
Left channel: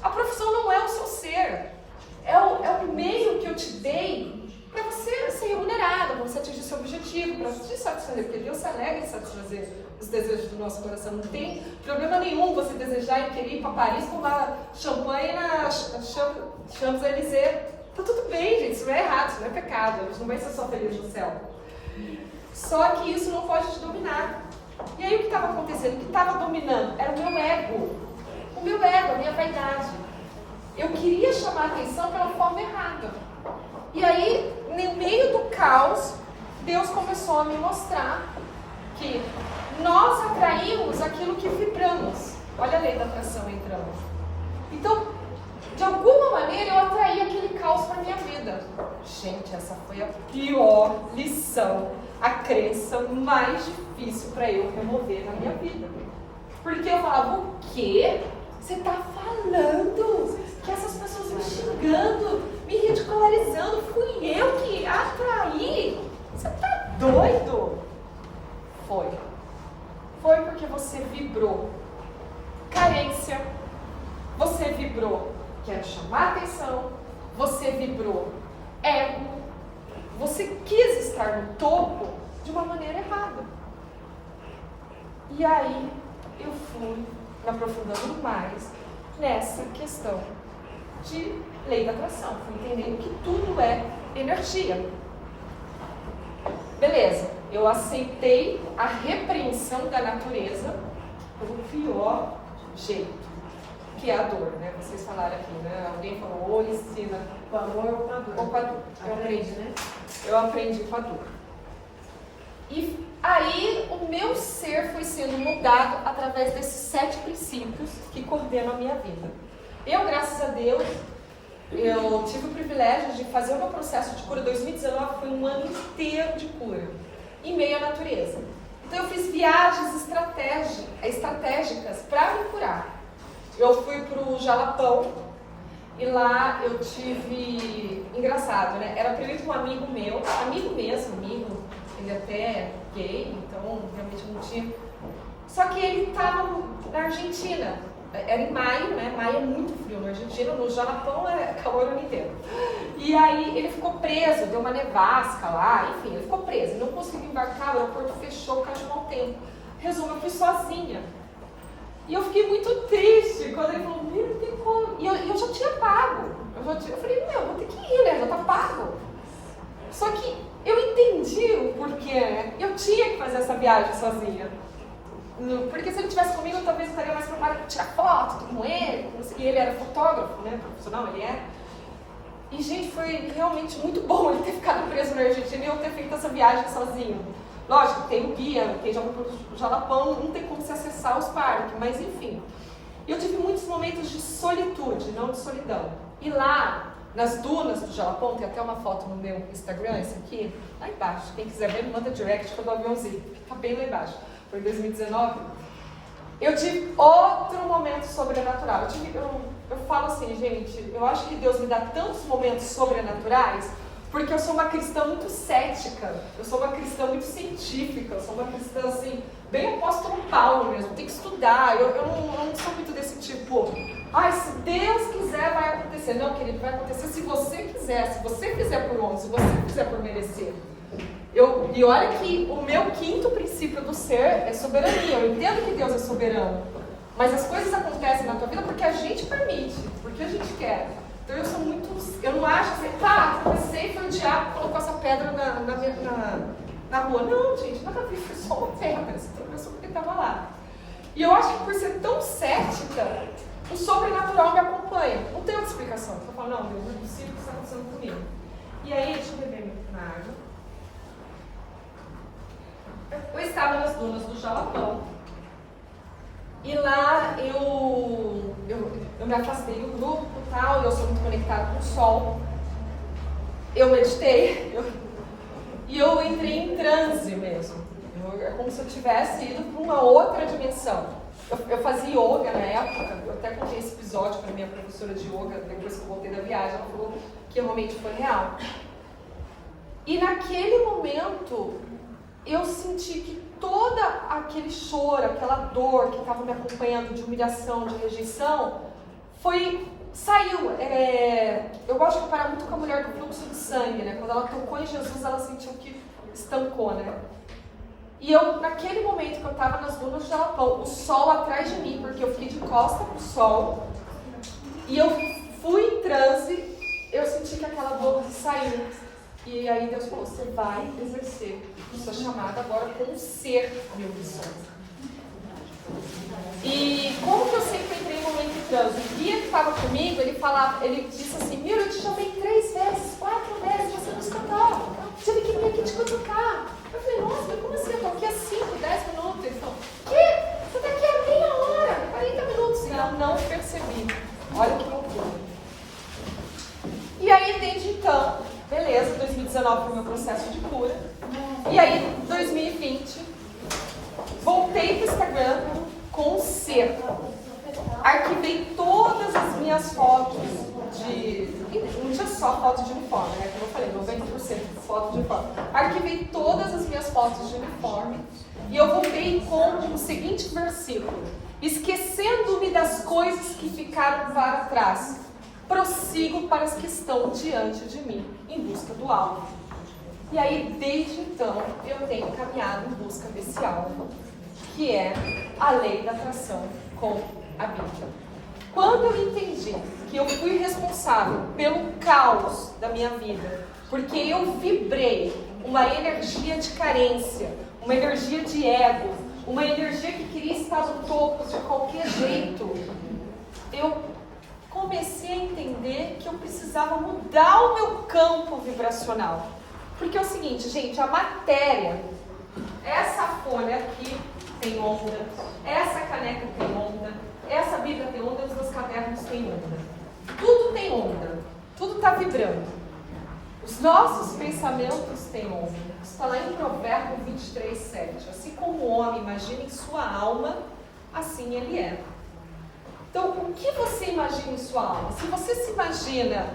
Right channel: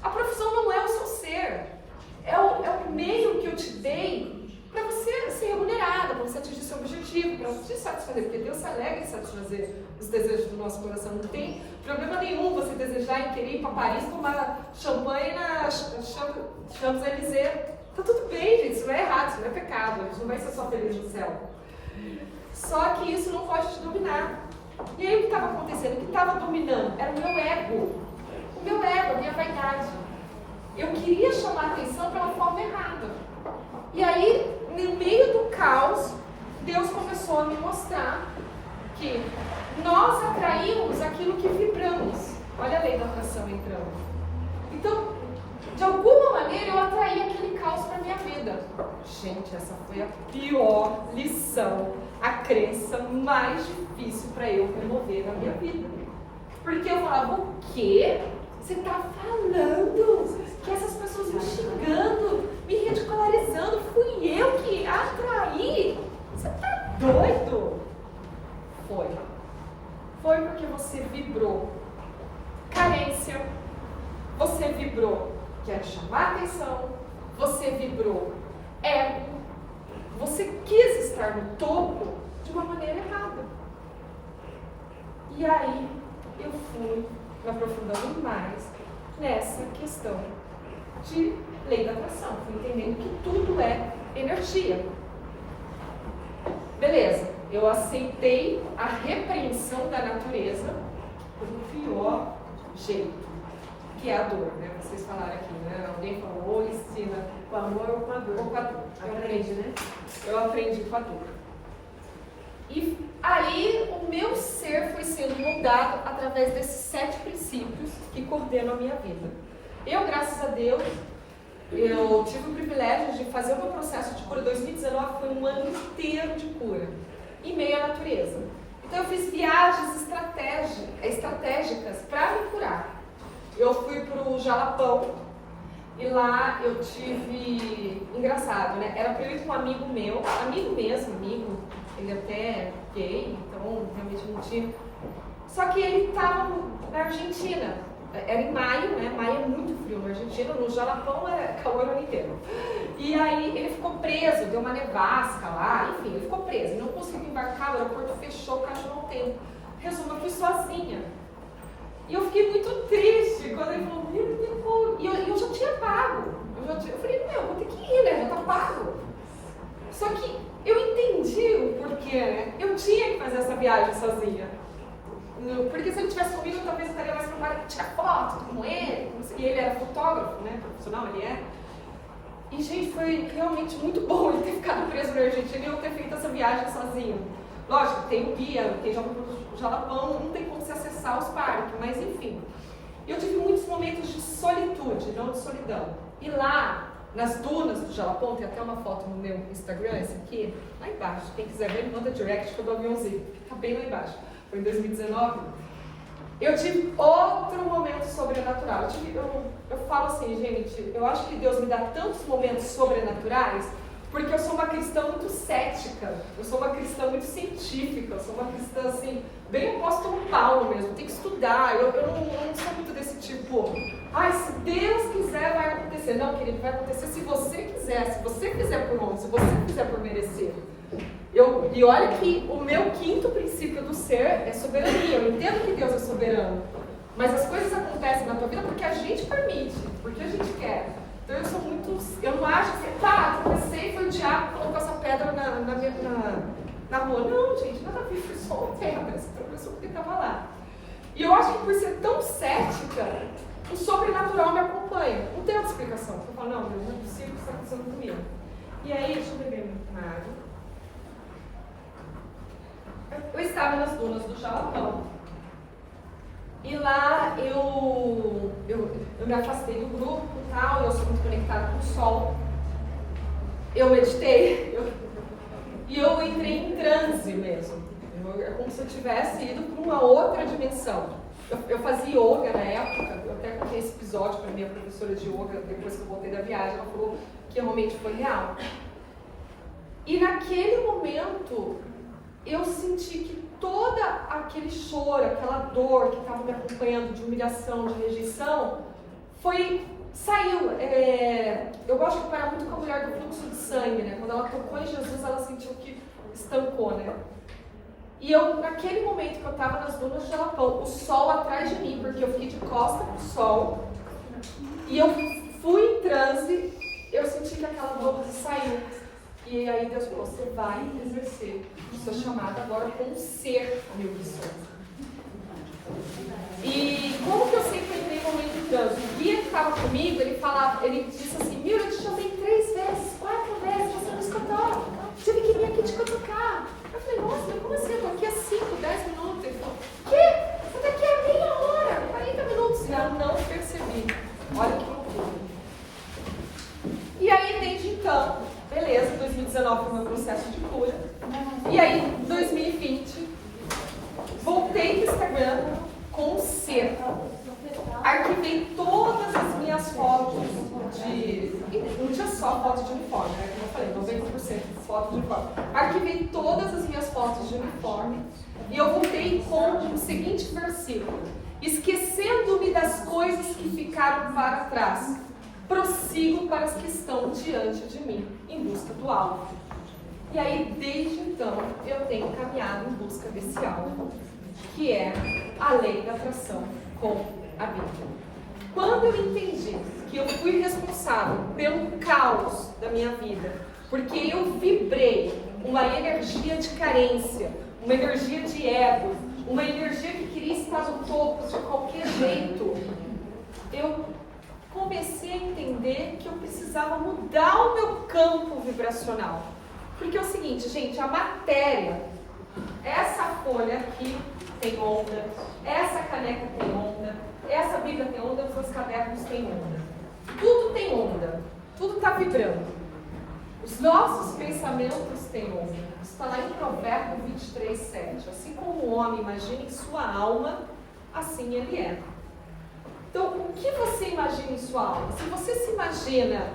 A profissão não é o seu ser. É o meio que eu te dei para você ser remunerada, para você atingir seu objetivo, para te satisfazer, porque Deus se alegra em satisfazer os desejos do nosso coração. Não tem problema nenhum você desejar e querer ir para Paris tomar champanhe na Champs-Élysées. Tá tudo bem, gente, isso não é errado, isso não é pecado, a gente não vai ser só feliz no céu. Só que isso não pode te dominar. E aí o que estava acontecendo? O que estava dominando era o meu ego. O meu ego, a minha vaidade. Eu queria chamar a atenção pela forma errada. E aí, no meio do caos, Deus começou a me mostrar que nós atraímos aquilo que vibramos. Olha a lei da atração entrando. Então, de alguma maneira, eu atraí aquele caos para minha vida. Gente, essa foi a pior lição, a crença mais difícil para eu remover na minha vida. Porque eu falava, o quê? Você está falando que essas pessoas me xingando, me ridicularizando, fui eu que atraí? Você está doido? Foi. Foi porque você vibrou carência, você vibrou quero chamar atenção, você vibrou ego, você quis estar no topo de uma maneira errada. E aí eu fui me aprofundando mais nessa questão de lei da atração. Fui entendendo que tudo é energia. Beleza, eu aceitei a repreensão da natureza pelo pior jeito. que é a dor, né? Vocês falaram aqui, né? Alguém falou, ou ensina O amor ou com a dor. ou com a dor. Aprende, né? Eu aprendi com a dor. E aí o meu ser foi sendo mudado através desses 7 princípios que coordenam a minha vida. Eu, graças a Deus, eu tive o privilégio de fazer o meu processo de cura. 2019 foi um ano inteiro de cura, em meio à natureza. Então eu fiz viagens estratégicas para me curar. Eu fui para o Jalapão e lá eu tive... Engraçado, né? Era para eu ir com um amigo meu, amigo mesmo, ele até é gay, então realmente não tinha... Só que ele estava na Argentina. Era em maio, né? Maio é muito frio na Argentina, no Jalapão é calor o ano inteiro. E aí ele ficou preso, deu uma nevasca lá, enfim, ele ficou preso, não conseguiu embarcar, o aeroporto fechou, caiu mau tempo. Resumo, eu fui sozinha. E eu fiquei muito triste quando ele falou, não tem como. E eu já tinha pago. Eu falei, vou ter que ir, né? Já tá pago. Só que eu entendi o porquê, né? Eu tinha que fazer essa viagem sozinha. Porque se ele estivesse comigo, talvez eu estaria mais preparada para tirar foto com ele. E ele era fotógrafo, né? Profissional, ele é. E, gente, foi realmente muito bom ele ter ficado preso na Argentina e eu ter feito essa viagem sozinho. Lógico, tem o guia, tem o Jalapão, não tem como se acessar os parques, mas enfim. Eu tive muitos momentos de solitude, não de solidão. E lá, nas dunas do Jalapão, tem até uma foto no meu Instagram, essa aqui, lá embaixo. Quem quiser ver, me manda direct que eu dou aviãozinho, que tá bem lá embaixo. Foi em 2019. Eu tive outro momento sobrenatural. Eu falo assim, gente, eu acho que Deus me dá tantos momentos sobrenaturais porque eu sou uma cristã muito cética, eu sou uma cristã muito científica, eu sou uma cristã, assim, bem apóstolo Paulo mesmo, tem que estudar, eu não sou muito desse tipo, se Deus quiser vai acontecer. Não, querido, vai acontecer se você quiser, se você fizer por onde, se você fizer por merecer. E olha que o meu 5º princípio do ser é soberania. Eu entendo que Deus é soberano, mas as coisas acontecem na tua vida porque a gente permite, porque a gente quer. Então eu não acho que comecei, foi o diabo que colocou essa pedra na rua. Não, gente, nada a ver, foi só uma pedra, essa pessoa que estava lá. E eu acho que por ser tão cética, o sobrenatural me acompanha. Não tem outra explicação. Eu falo, não, Deus, não é possível que isso está acontecendo comigo. E aí, deixa eu beber minha água. Eu estava nas dunas do Jalapão e lá eu me afastei do grupo e tal, eu sou muito conectada com o sol. Eu meditei e eu entrei em transe mesmo. É como se eu tivesse ido para uma outra dimensão. Eu fazia yoga na época, eu até contei esse episódio para minha professora de yoga depois que eu voltei da viagem, ela falou que realmente foi real. E naquele momento eu senti que todo aquele choro, aquela dor que estava me acompanhando de humilhação, de rejeição, saiu. Eu gosto de comparar muito com a mulher do fluxo de sangue, né? Quando ela tocou em Jesus, ela sentiu que estancou, né? E naquele momento que eu estava nas dunas do Jalapão, o sol atrás de mim, porque eu fiquei de costa pro sol, e eu fui em transe, eu senti que aquela dor saiu. E aí Deus falou, você vai exercer a sua chamada agora como ser, meu cristão. E como que eu sempre entrei no momento de transe? O guia que estava comigo, ele disse assim, eu te chamei 3 vezes, 4 vezes, você não escutou. Tive que vir aqui te cutucar. Eu falei, nossa, mas como assim? Eu tô aqui há 5, 10 minutos. Ele falou, que? Você tá aqui há meia hora, 40 minutos. E eu não percebi. Olha que loucura. E aí, desde então, beleza, 2019 foi o meu processo de cura. E aí, 2020, voltei pro Instagram com o ser. Arquivei todas as minhas fotos não tinha só foto de uniforme, né? Como eu falei, 90% foto de uniforme. Arquivei todas as minhas fotos de uniforme e eu voltei com o seguinte versículo: esquecendo-me das coisas que ficaram para trás, prossigo para as que estão diante de mim, em busca do alvo. E aí, desde então, eu tenho caminhado em busca desse alvo, que é a lei da atração com a Bíblia. Quando eu entendi que eu fui responsável pelo caos da minha vida, porque eu vibrei uma energia de carência, uma energia de ego, uma energia que queria estar no topo de qualquer jeito, eu comecei a entender que eu precisava mudar o meu campo vibracional. Porque é o seguinte, gente, a matéria, essa folha aqui tem onda, essa caneca tem onda, essa Bíblia tem onda, os meus cadernos têm onda. Tudo tem onda, tudo está vibrando. Os nossos pensamentos têm onda. Isso está lá em Provérbio 23, 7. Assim como o homem imagina em sua alma, assim ele é. Então, o que você imagina em sua alma? Se você se imagina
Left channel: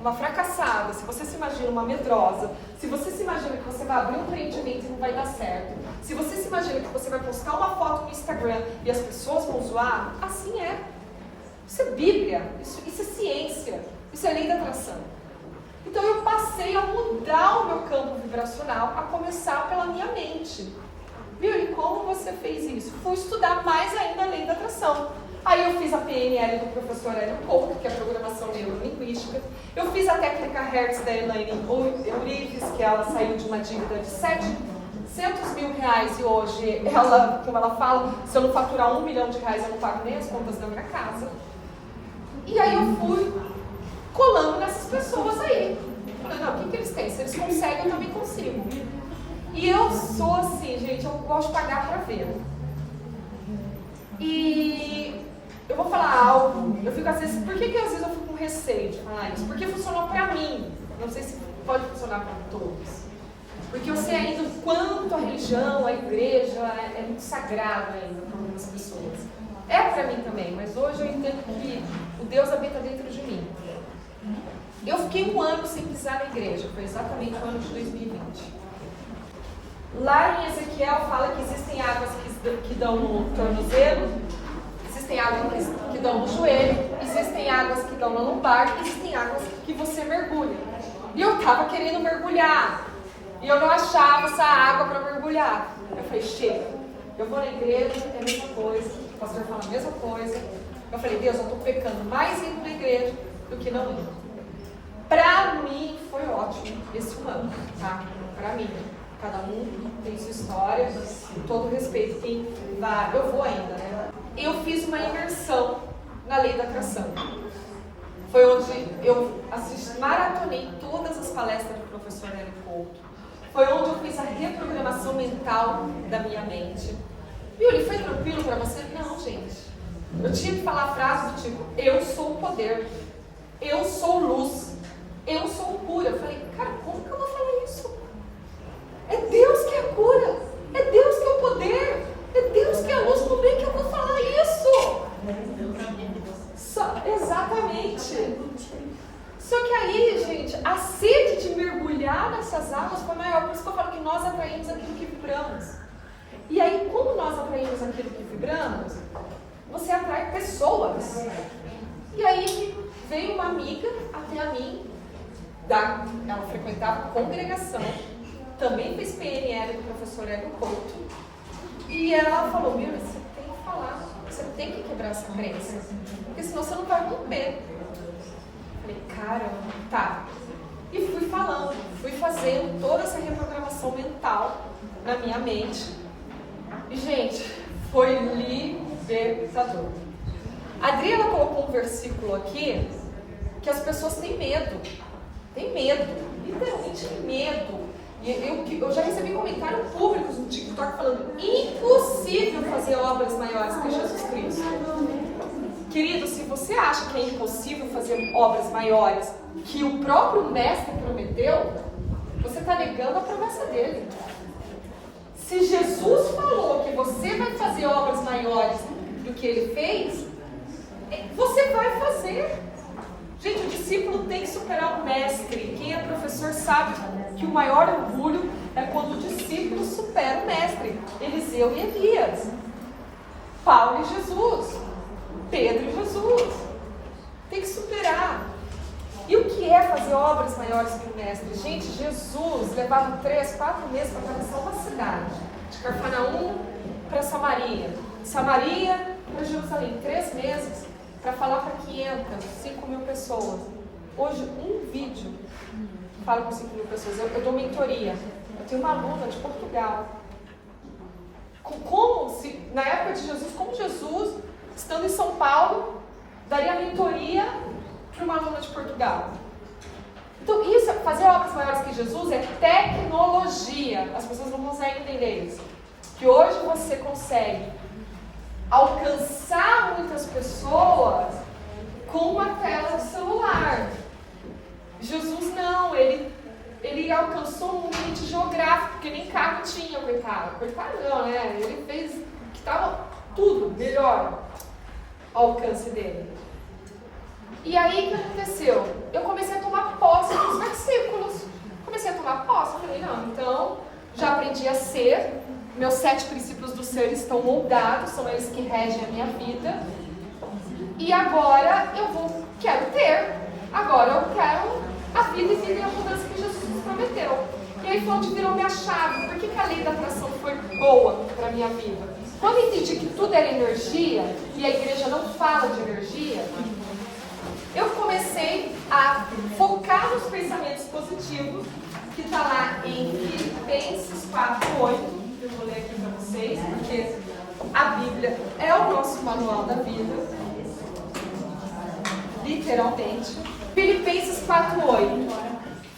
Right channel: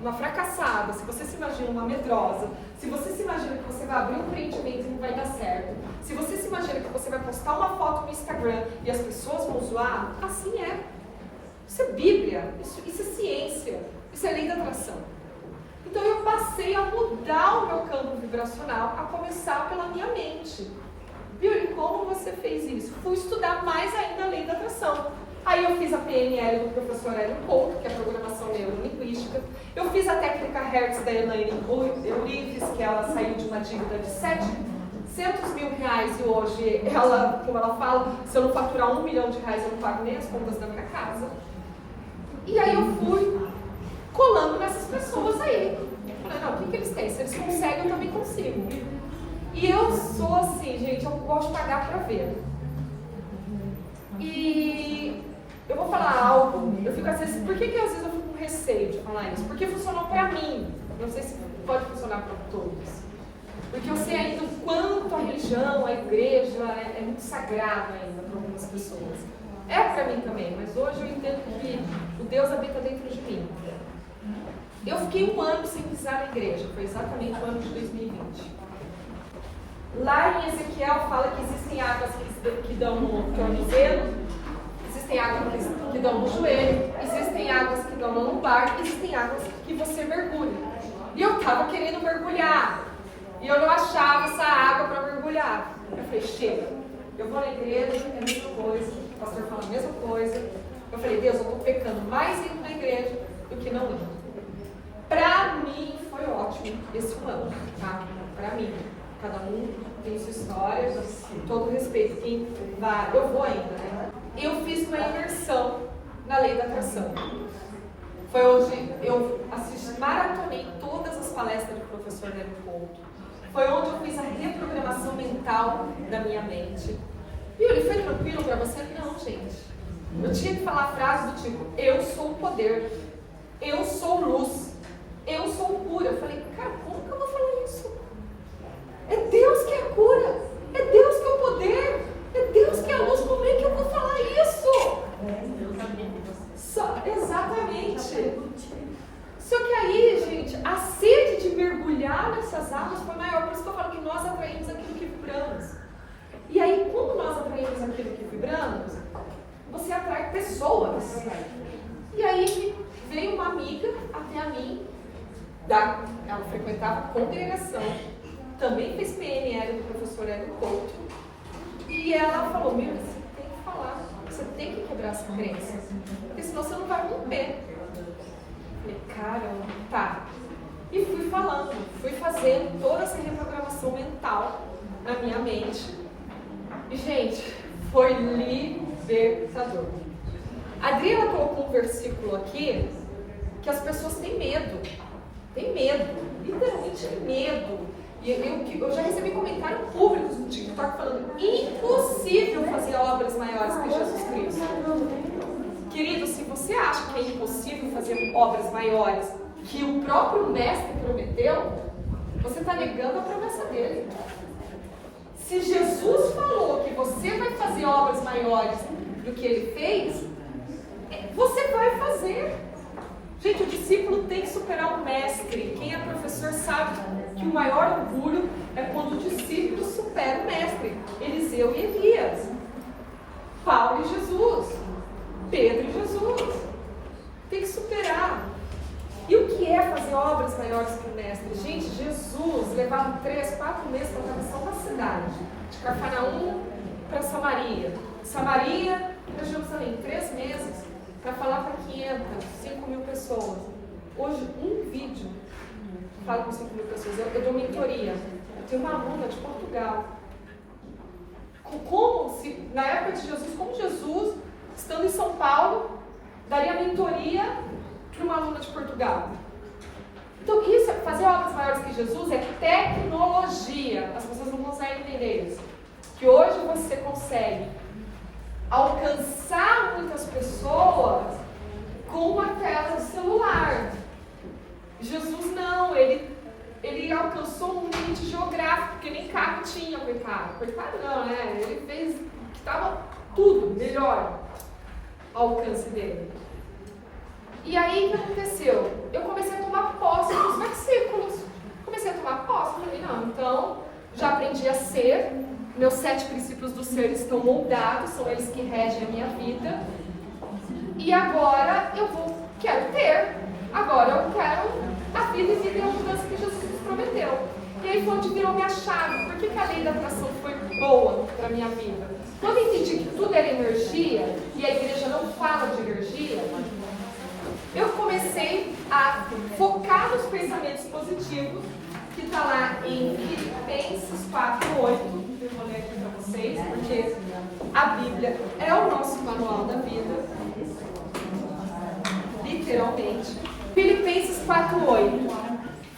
uma fracassada, se você se imagina uma medrosa, se você se imagina que você vai abrir um empreendimento e não vai dar certo, se você se imagina que você vai postar uma foto no Instagram e as pessoas vão zoar, assim é. Isso é Bíblia, isso é ciência, isso é lei da atração. Então eu passei a mudar o meu campo vibracional, a começar pela minha mente. Viu? E como você fez isso? Fui estudar mais ainda a lei da atração. Aí eu fiz a PNL do professor Hélio Couto, que é a programação neurolinguística. Eu fiz a técnica Hertz da Elaine Eurives, que ela saiu de uma dívida de R$700 mil e hoje, ela, como ela fala, se eu não faturar R$1 milhão, eu não pago nem as contas da minha casa. E aí eu fui colando nessas pessoas aí. Falei, não, o que eles têm? Se eles conseguem, eu também consigo. E eu sou assim, gente, eu gosto de pagar pra ver. E eu vou falar algo, eu fico às vezes, por que às vezes eu fico com receio de falar isso? Porque funcionou pra mim, não sei se pode funcionar pra todos. Porque eu sei ainda o quanto a religião, a igreja é muito sagrado ainda para algumas pessoas. É pra mim também, mas hoje eu entendo que o Deus habita dentro de mim. Eu fiquei 1 ano sem pisar na igreja, foi exatamente o ano de 2020. Lá em Ezequiel fala que existem águas que dão no tornozelo, existem águas que dão no joelho, existem águas que dão no lombar, existem águas que você mergulha. E eu estava querendo mergulhar, e eu não achava essa água para mergulhar. Eu falei, chega, eu vou na igreja, é a mesma coisa, o pastor fala a mesma coisa. Eu falei, Deus, eu estou pecando mais indo na igreja do que não indo. Pra mim foi ótimo esse 1 ano, tá? Pra mim. Cada um tem sua história, com todo respeito. Quem vai, eu vou ainda, né? Eu fiz uma imersão na lei da atração. Foi onde eu maratonei todas as palestras do professor Hélio Couto. Foi onde eu fiz a reprogramação mental da minha mente. Viu, ele foi tranquilo pra você? Não, gente. Eu tinha que falar a frase do tipo, eu sou o poder, eu sou luz, eu sou cura. Eu falei, cara, como que eu vou falar isso? É Deus que é a cura, é Deus que é o poder, é Deus que é a luz, como é que eu vou falar isso? Exatamente. Só que aí, gente, a sede de mergulhar nessas águas foi maior, por isso que eu falo que nós atraímos aquilo que vibramos. E aí, como nós atraímos aquilo que vibramos, você atrai pessoas. E aí veio uma amiga até a mim, ela frequentava a congregação, também fez PNL do professor Hélio Couto, e ela falou, Miriam, você tem que falar, você tem que quebrar essa crença, porque senão você não vai romper. Falei, caramba, tá. E fui falando, fui fazendo toda essa reprogramação mental na minha mente. E, gente, foi libertador. A Adriana colocou um versículo aqui que as pessoas têm medo. Tem medo, literalmente medo. E eu já recebi comentários públicos no TikTok falando impossível fazer obras maiores que Jesus Cristo. Querido, se você acha que é impossível fazer obras maiores que o próprio Mestre prometeu, você está negando a promessa dele. Se Jesus falou que você vai fazer obras maiores do que ele fez, você vai fazer. Gente, o discípulo tem que superar o mestre. Quem é professor sabe que o maior orgulho é quando o discípulo supera o mestre. Eliseu e Elias, Paulo e Jesus, Pedro e Jesus. Tem que superar. E o que é fazer obras maiores que o mestre? Gente, Jesus levava 3, 4 meses para atravessar uma cidade. De Cafarnaum para Samaria. Samaria para Jerusalém. 3 meses. Para falar para 500, 5 mil pessoas. Hoje, um vídeo fala com 5 mil pessoas. Eu dou mentoria. Eu tenho uma aluna de Portugal. Na época de Jesus, como Jesus, estando em São Paulo, daria mentoria para uma aluna de Portugal. Então, isso, fazer obras maiores que Jesus é tecnologia. As pessoas não conseguem entender isso. Que hoje você consegue alcançar muitas pessoas com uma tela de celular. Jesus não, ele alcançou um limite geográfico, porque nem carro tinha, coitado. Coitado não, né? Ele fez que estava tudo melhor ao alcance dele. E aí, o que aconteceu? Eu comecei a tomar posse dos versículos. Comecei a tomar posse. Falei, não, então, já aprendi a ser. Meus 7 princípios do ser estão moldados, são eles que regem a minha vida. E agora quero ter. Agora eu quero a vida e vida e a mudança que Jesus nos prometeu. E aí foi onde virou minha chave. Por que a lei da atração foi boa para a minha vida? Quando eu entendi que tudo era energia, e a igreja não fala de energia, eu comecei a focar nos pensamentos positivos, que está lá em Filipenses 4:8. Eu vou ler aqui para vocês, porque a Bíblia é o nosso manual da vida, literalmente. Filipenses 4:8.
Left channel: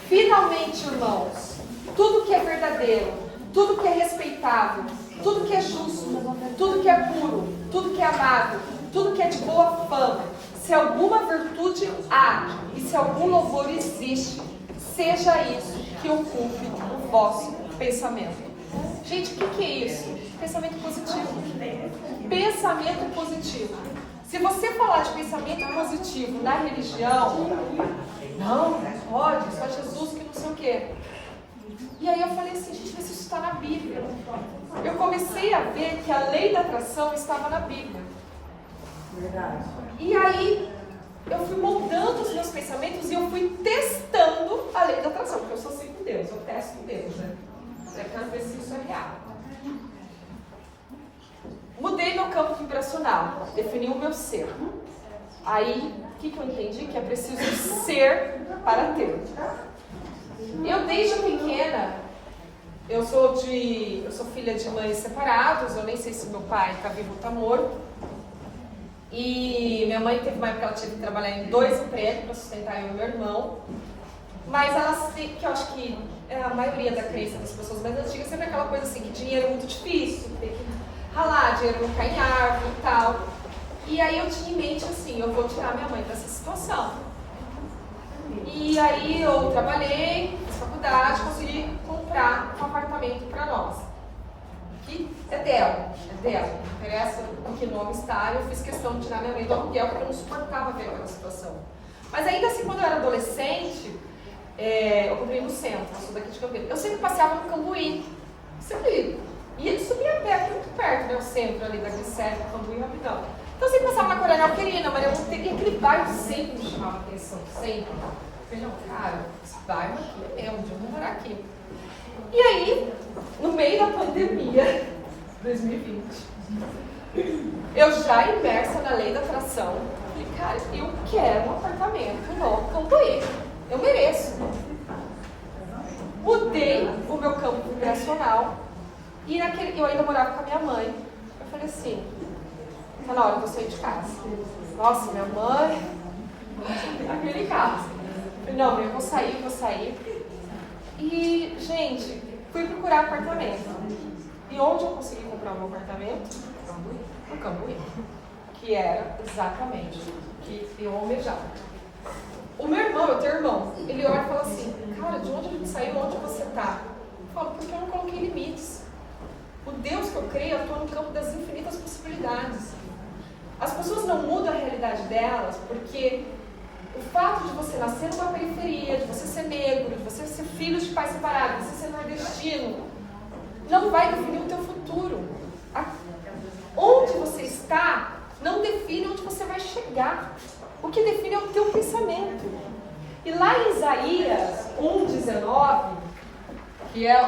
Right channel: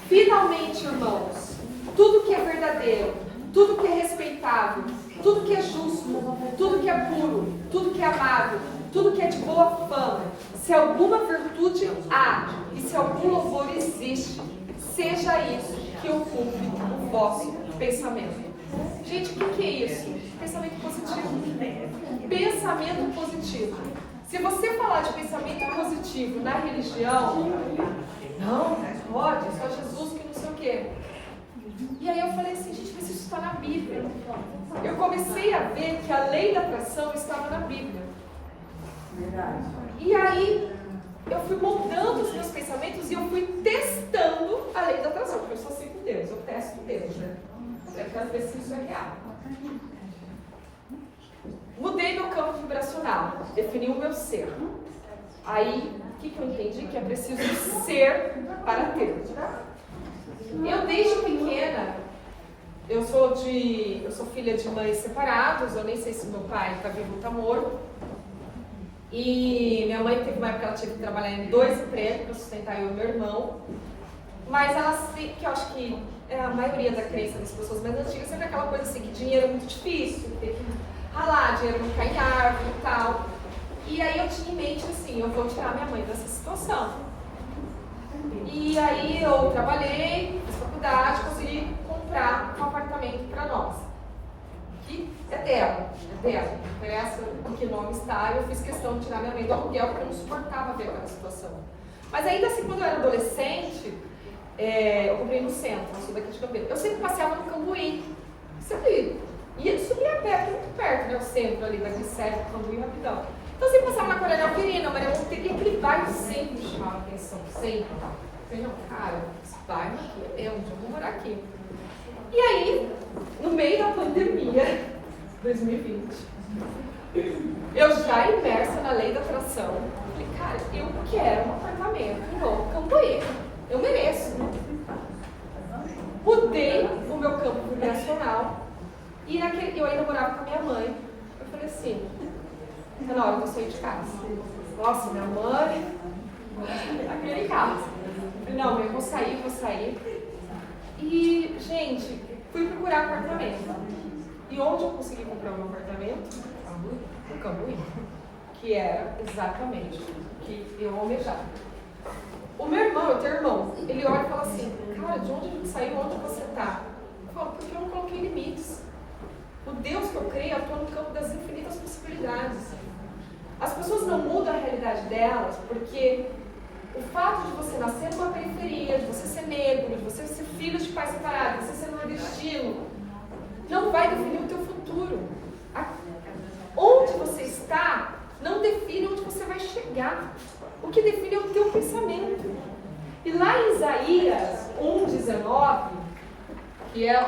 Finalmente, irmãos, tudo que é verdadeiro, tudo que é respeitável, tudo que é justo, tudo que é puro, tudo que é amável, tudo que é de boa fama, se alguma virtude há e se algum louvor existe, seja isso que ocupe o vosso pensamento. Gente, o que é isso? Pensamento positivo. Pensamento positivo. Se você falar de pensamento positivo na religião, não pode, só Jesus que não sei o quê. E aí eu falei assim, gente, mas isso está na Bíblia. Eu comecei a ver que a lei da atração estava na Bíblia. E aí eu fui moldando os meus pensamentos e eu fui testando a lei da atração, porque eu sou assim com Deus, eu testo com Deus, né? É para ver se isso é real. Mudei meu campo vibracional, defini o meu ser. Aí, o que eu entendi? Que é preciso ser para ter. Eu desde pequena, eu sou filha de mães separadas, eu nem sei se meu pai está vivo ou está morto. E minha mãe teve uma época que ela teve que trabalhar em 2 empregos para sustentar eu e meu irmão. Mas que eu acho que é a maioria da crença das pessoas mais antigas, sempre aquela coisa assim, que dinheiro é muito difícil, tem que ralar, dinheiro não cai em árvore e tal. E aí eu tinha em mente assim, eu vou tirar minha mãe dessa situação. E aí eu trabalhei, fiz faculdade, consegui comprar um apartamento para nós. Que é dela, não interessa em que nome está, eu fiz questão de tirar minha mãe do aluguel, porque eu não suportava ver aquela situação. Mas ainda assim, quando eu era adolescente, eu comprei no centro, eu sou daqui de Campinas. Eu sempre passeava no Cambuí, sempre ia subir a pé, aqui muito perto, né, o centro ali da Glicério, Cambuí, rapidão. Então eu sempre passava na Coronel Querina, Maria Monteiro, e aquele bairro sempre me chamava atenção, sempre. Eu falei, não, cara, esse bairro aqui é mesmo, eu vou morar aqui. E aí, no meio da pandemia, 2020, eu já imersa na lei da atração, falei, cara, eu quero um apartamento no Cambuí, eu mereço. Mudei o meu campo vibracional e eu ainda morava com a minha mãe. Eu falei assim, tá na hora de eu sair de casa. Nossa, minha mãe, aquele caso. Eu falei, não, eu vou sair. E, gente, fui procurar apartamento. E onde eu consegui comprar um apartamento? No Cambuí. Que era exatamente o que eu almejava. O meu irmão, eu tenho irmão, ele olha e fala assim, cara, de onde a gente saiu, onde você está? Eu falo, porque eu não coloquei limites. O Deus que eu creio atua no campo das infinitas possibilidades. As pessoas não mudam a realidade delas porque o fato de você nascer numa periferia, de você ser negro, de você ser filho de pais separados, de você ser nordestino, não vai definir o teu futuro. Onde você está não define onde você vai chegar. O que define é o teu pensamento. E lá em Isaías 1:19, que é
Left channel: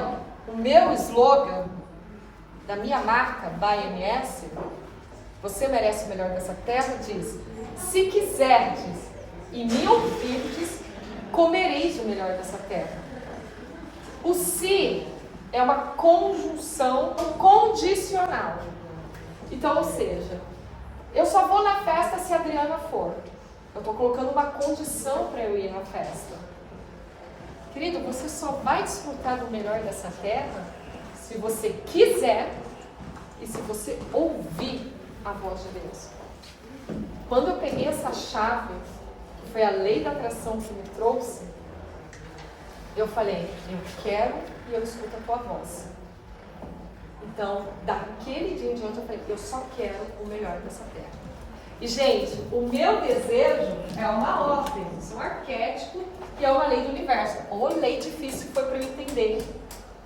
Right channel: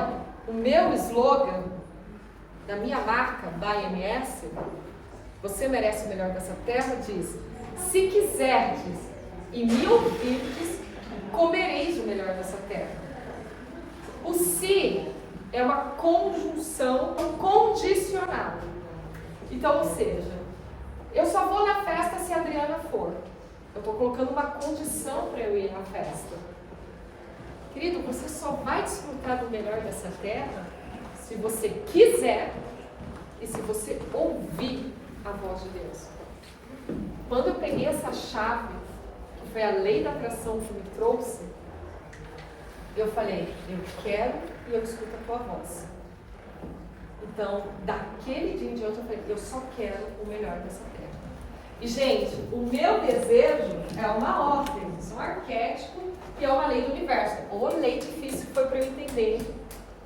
o meu slogan da minha marca, by MS, você merece o melhor dessa terra, diz, se quiserdes e me ouvirdes, comereis o melhor dessa terra. O se é uma conjunção condicional. Então, ou seja, eu só vou na festa se a Adriana for. Eu estou colocando uma condição para eu ir na festa. Querido, você só vai desfrutar do melhor dessa terra se você quiser e se você ouvir a voz de Deus. Quando eu peguei essa chave, que foi a lei da atração que me trouxe, eu falei, eu quero e eu escuto a tua voz. Então, daquele dia em diante, eu falei, eu só quero o melhor dessa terra. E, gente, o meu desejo é uma ordem, é um arquétipo que é uma lei do universo. Ou lei difícil que foi para eu entender.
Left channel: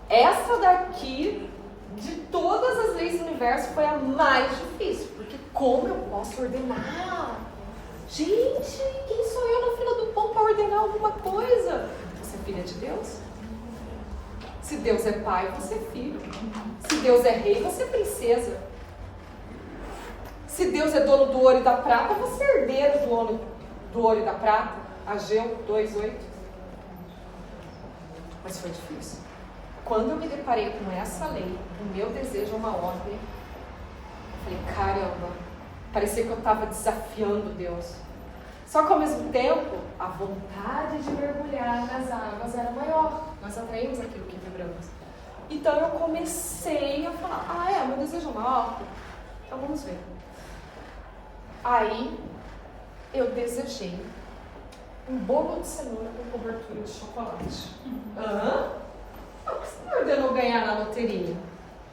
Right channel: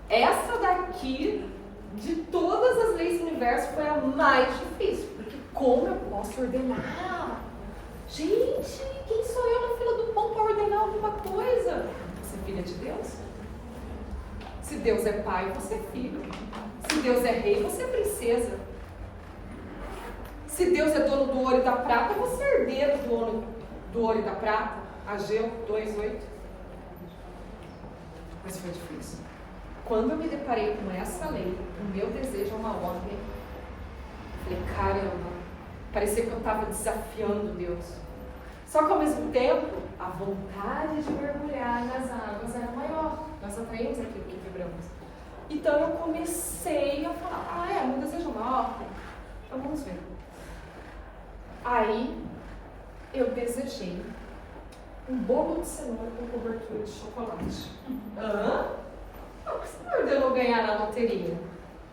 Essa daqui, de todas as leis do universo, foi a mais difícil. Porque como eu posso ordenar? Gente, quem sou eu na fila do pão para ordenar alguma coisa? Você é filha de Deus? Se Deus é pai, você é filho. Se Deus é rei, você é princesa. Se Deus é dono do ouro e da prata, você é herdeiro do ouro e da prata. Ageu 2:8. Mas foi difícil. Quando eu me deparei com essa lei, o meu desejo é uma ordem. Eu falei, caramba, parecia que eu estava desafiando Deus. Só que ao mesmo tempo, a vontade de mergulhar nas águas era maior. Nós atraímos aquilo que vibramos. Então eu comecei a falar, meu desejo é uma ordem. Então vamos ver. Aí eu desejei um bolo de cenoura com cobertura de chocolate. Por que você não ordenou ganhar na loteria?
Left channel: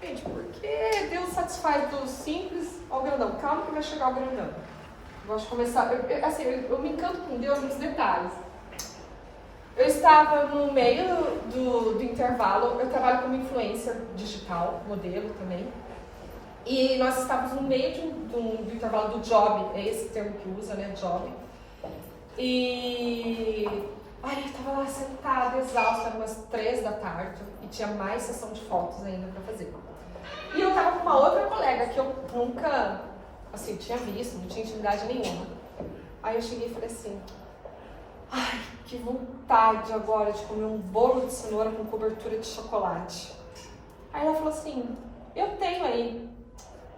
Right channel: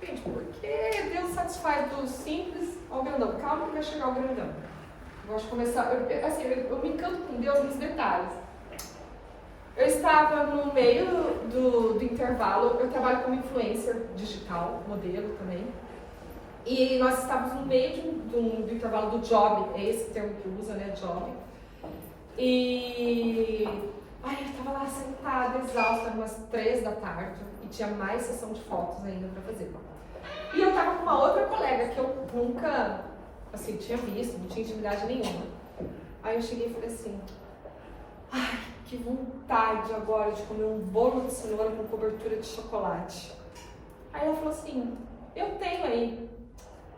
Gente, porque Deus satisfaz do simples ao grandão. Calma que vai chegar o grandão. Eu gosto de começar. Eu me encanto com Deus nos detalhes. Eu estava no meio do intervalo. Eu trabalho como influencer digital, modelo também. E nós estávamos no meio do intervalo do job. É esse termo que usa, né? Job. E eu estava lá sentada, exausta, eram umas 3 da tarde e tinha mais sessão de fotos ainda para fazer. E eu estava com uma outra colega que eu nunca, tinha visto, não tinha intimidade nenhuma. Aí eu cheguei e falei assim, que vontade agora de comer um bolo de cenoura com cobertura de chocolate. Aí ela falou assim, eu tenho aí.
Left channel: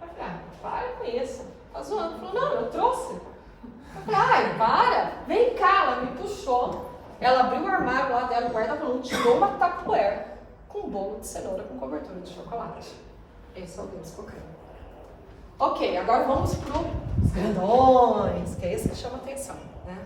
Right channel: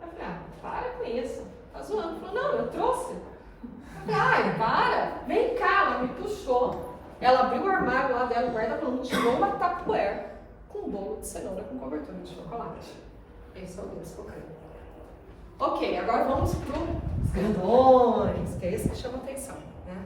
Eu falei, para com isso, tá zoando. Ela falou, não, eu trouxe. Eu falei, para, vem cá, ela me puxou. Ela abriu o armário lá dela, o guarda-volume, tirou uma tupperware com um bolo de cenoura com cobertura de chocolate. Esse é o Deus que eu creio. Ok, agora vamos para os grandões, que é esse que chama atenção, né?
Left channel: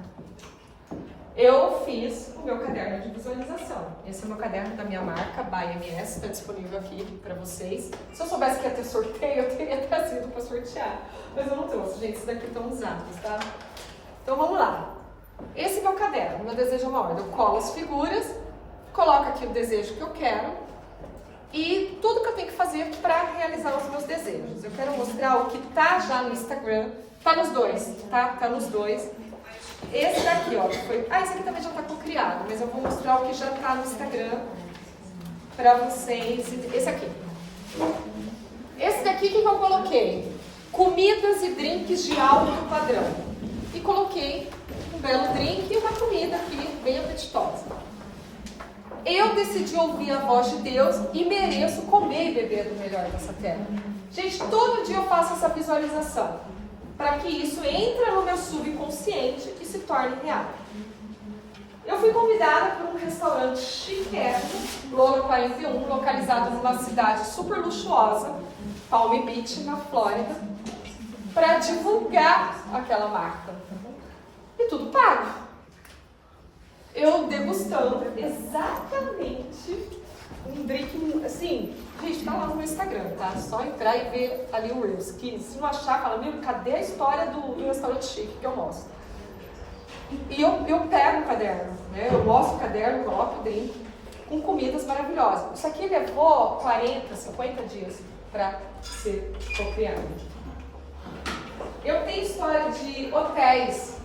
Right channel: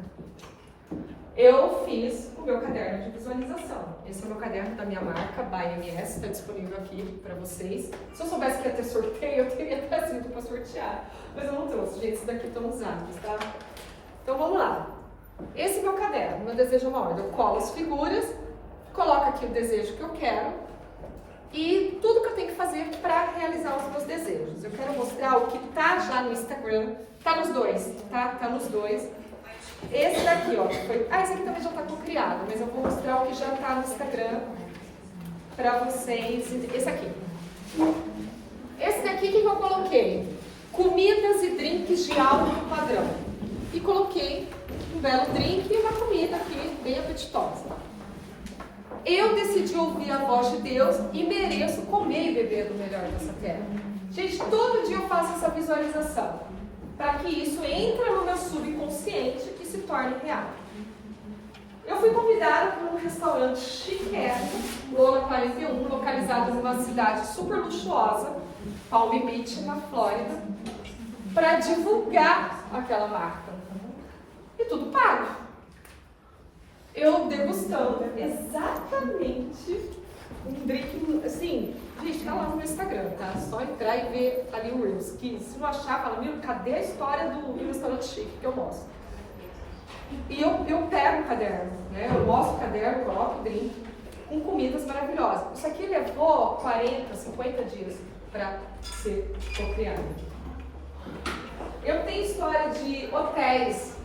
Eu fiz o meu caderno de visualização. Esse é o meu caderno da minha marca, by MS, está disponível aqui para vocês. Se eu soubesse que ia ter sorteio, eu teria trazido para sortear. Mas eu não trouxe, gente, esses daqui estão usados, tá? Então vamos lá. Esse é meu caderno, meu desejo é uma ordem. Eu colo as figuras, coloco aqui o desejo que eu quero e tudo que eu tenho que fazer para realizar os meus desejos. Eu quero mostrar o que está já no Instagram, tá nos dois, tá? Tá nos dois. Esse daqui, ó, esse aqui também já está cocriado, mas eu vou mostrar o que já está no Instagram para vocês. Esse aqui. Esse daqui, o que eu coloquei? Comidas e drinks de alto padrão. E coloquei um belo drink e uma comida aqui, bem apetitosa. Eu decidi ouvir a voz de Deus e mereço comer e beber do melhor dessa terra. Gente, todo dia eu faço essa visualização, para que isso entre no meu subconsciente e se torne real. Eu fui convidada para um restaurante chiquérrimo, Lola 41, localizado numa cidade super luxuosa, Palm Beach, na Flórida, para divulgar aquela marca. E tudo pago. Eu degustando exatamente um drink, assim, gente, tá lá no meu Instagram, tá? Só entrar e ver ali o Reels, que se não achar, fala, meu, cadê a história do restaurante chique que eu mostro? E eu pego o caderno, né? Eu mostro o caderno, coloco o drink com comidas maravilhosas. Isso aqui levou 40, 50 dias para ser cocriado. Eu tenho história de hotéis,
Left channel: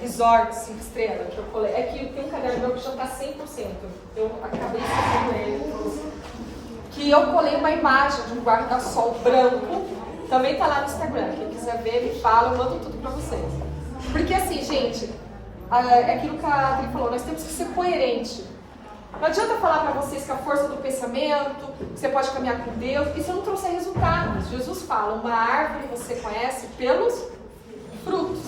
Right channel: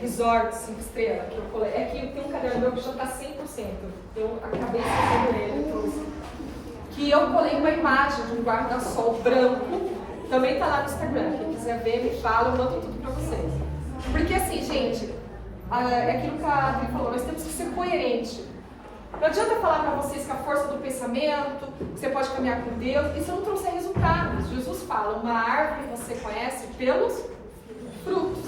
resorts 5 estrelas, que eu colei. É que tem um caderno meu que já está 100%. Eu acabei fazendo ele, que eu colei uma imagem de um guarda-sol branco. Também está lá no Instagram. Quem quiser ver, me fala, eu mando tudo para vocês. Porque assim, gente, é aquilo que a Adri falou, nós temos que ser coerentes. Não adianta falar para vocês que a força do pensamento, que você pode caminhar com Deus, isso não trouxe resultados. Jesus fala, uma árvore você conhece pelos frutos.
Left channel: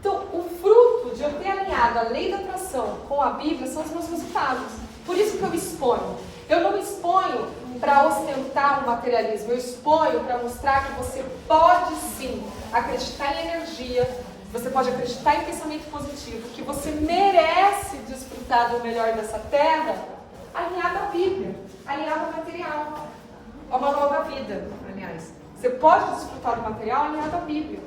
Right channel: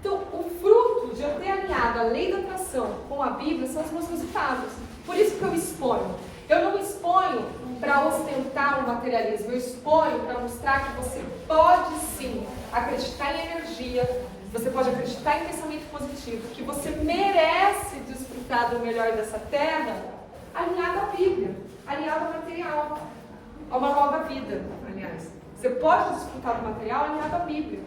Então, o fruto de eu ter alinhado a lei da atração com a Bíblia são os meus resultados. Por isso que eu exponho. Eu não exponho para ostentar o materialismo, eu exponho para mostrar que você pode sim acreditar em energia, você pode acreditar em pensamento positivo, que você merece desfrutar do melhor dessa terra, alinhado à Bíblia, alinhado ao material, a uma nova vida, aliás. Você pode desfrutar do material alinhado à Bíblia.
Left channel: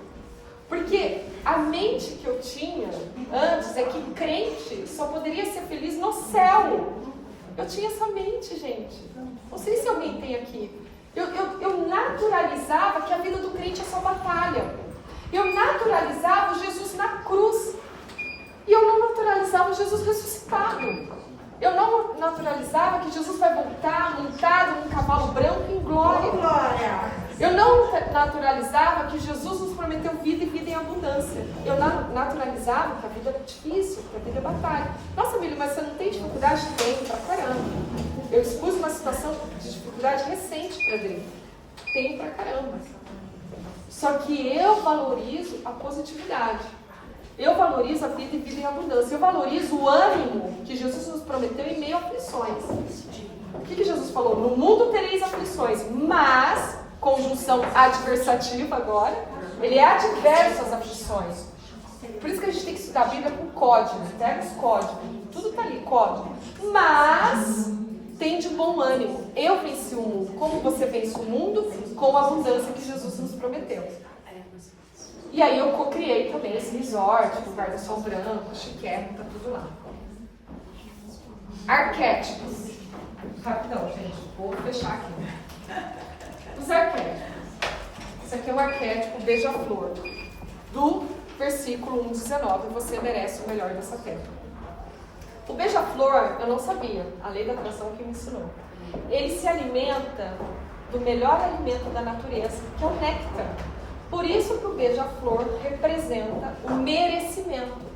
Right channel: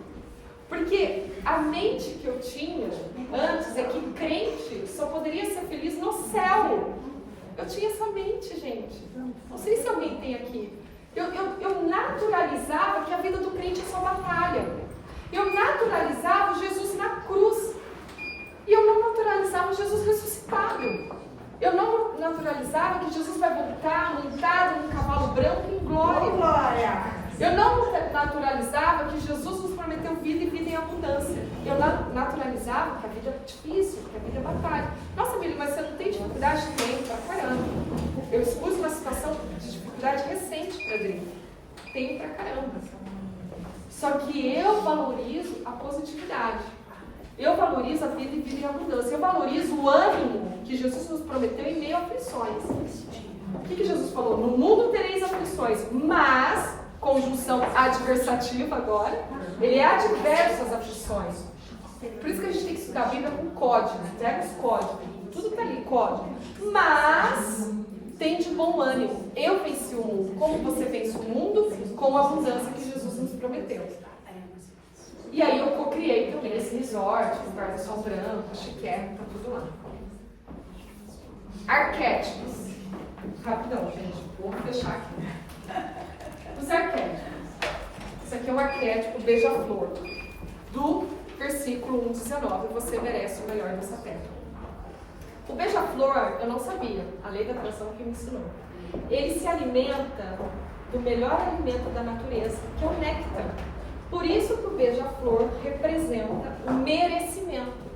Porque a mente que eu tinha antes é que crente só poderia ser feliz no céu. Eu tinha essa mente, gente. Não sei se alguém tem aqui. Eu naturalizava que a vida do crente é só batalha. Eu naturalizava Jesus na cruz. E eu não naturalizava Jesus ressuscitado. Eu não naturalizava que Jesus vai voltar montado num cavalo branco em glória. Eu não naturalizava que Jesus nos prometeu vida e vida em abundância. Eu naturalizava que a vida é difícil, que a vida é batalha. Nossa, Billy, mas você não tem dificuldade? Tenho pra caramba. Eu expus uma situação de dificuldade recente para dentro. Tenho pra caramba. Só que eu valorizo a positividade. Eu valorizo a vida e vida em abundância. Eu valorizo o ânimo que Jesus nos prometeu em meio a aflições. O que Jesus falou? No mundo tereis aflições, mas, conjunção adversativa agora, ele é adverso às aflições. Por isso que a gente tem que estudar a Bíblia com códigos, pega os códigos, tudo está ali, código. Mas, tem de bom ânimo. Eu venci o mundo. Como você vence o mundo? Com a abundância que Jesus nos prometeu. E aí eu co-criei também esse resort, com guarda-sol branco, chiquérrimo, tá tudo lá. Arquétipos. Rapidão, gente, vou fechar aqui. Os arquétipos. Esse aqui é um arquétipo beija-flor. Do versículo 1:19, você merece o melhor dessa terra. O beija-flor, eu não sabia, a lei da atração que me ensinou. Ele se alimenta do melhor alimento da natureza, que é o néctar. Por isso que o beija-flor representa o merecimento.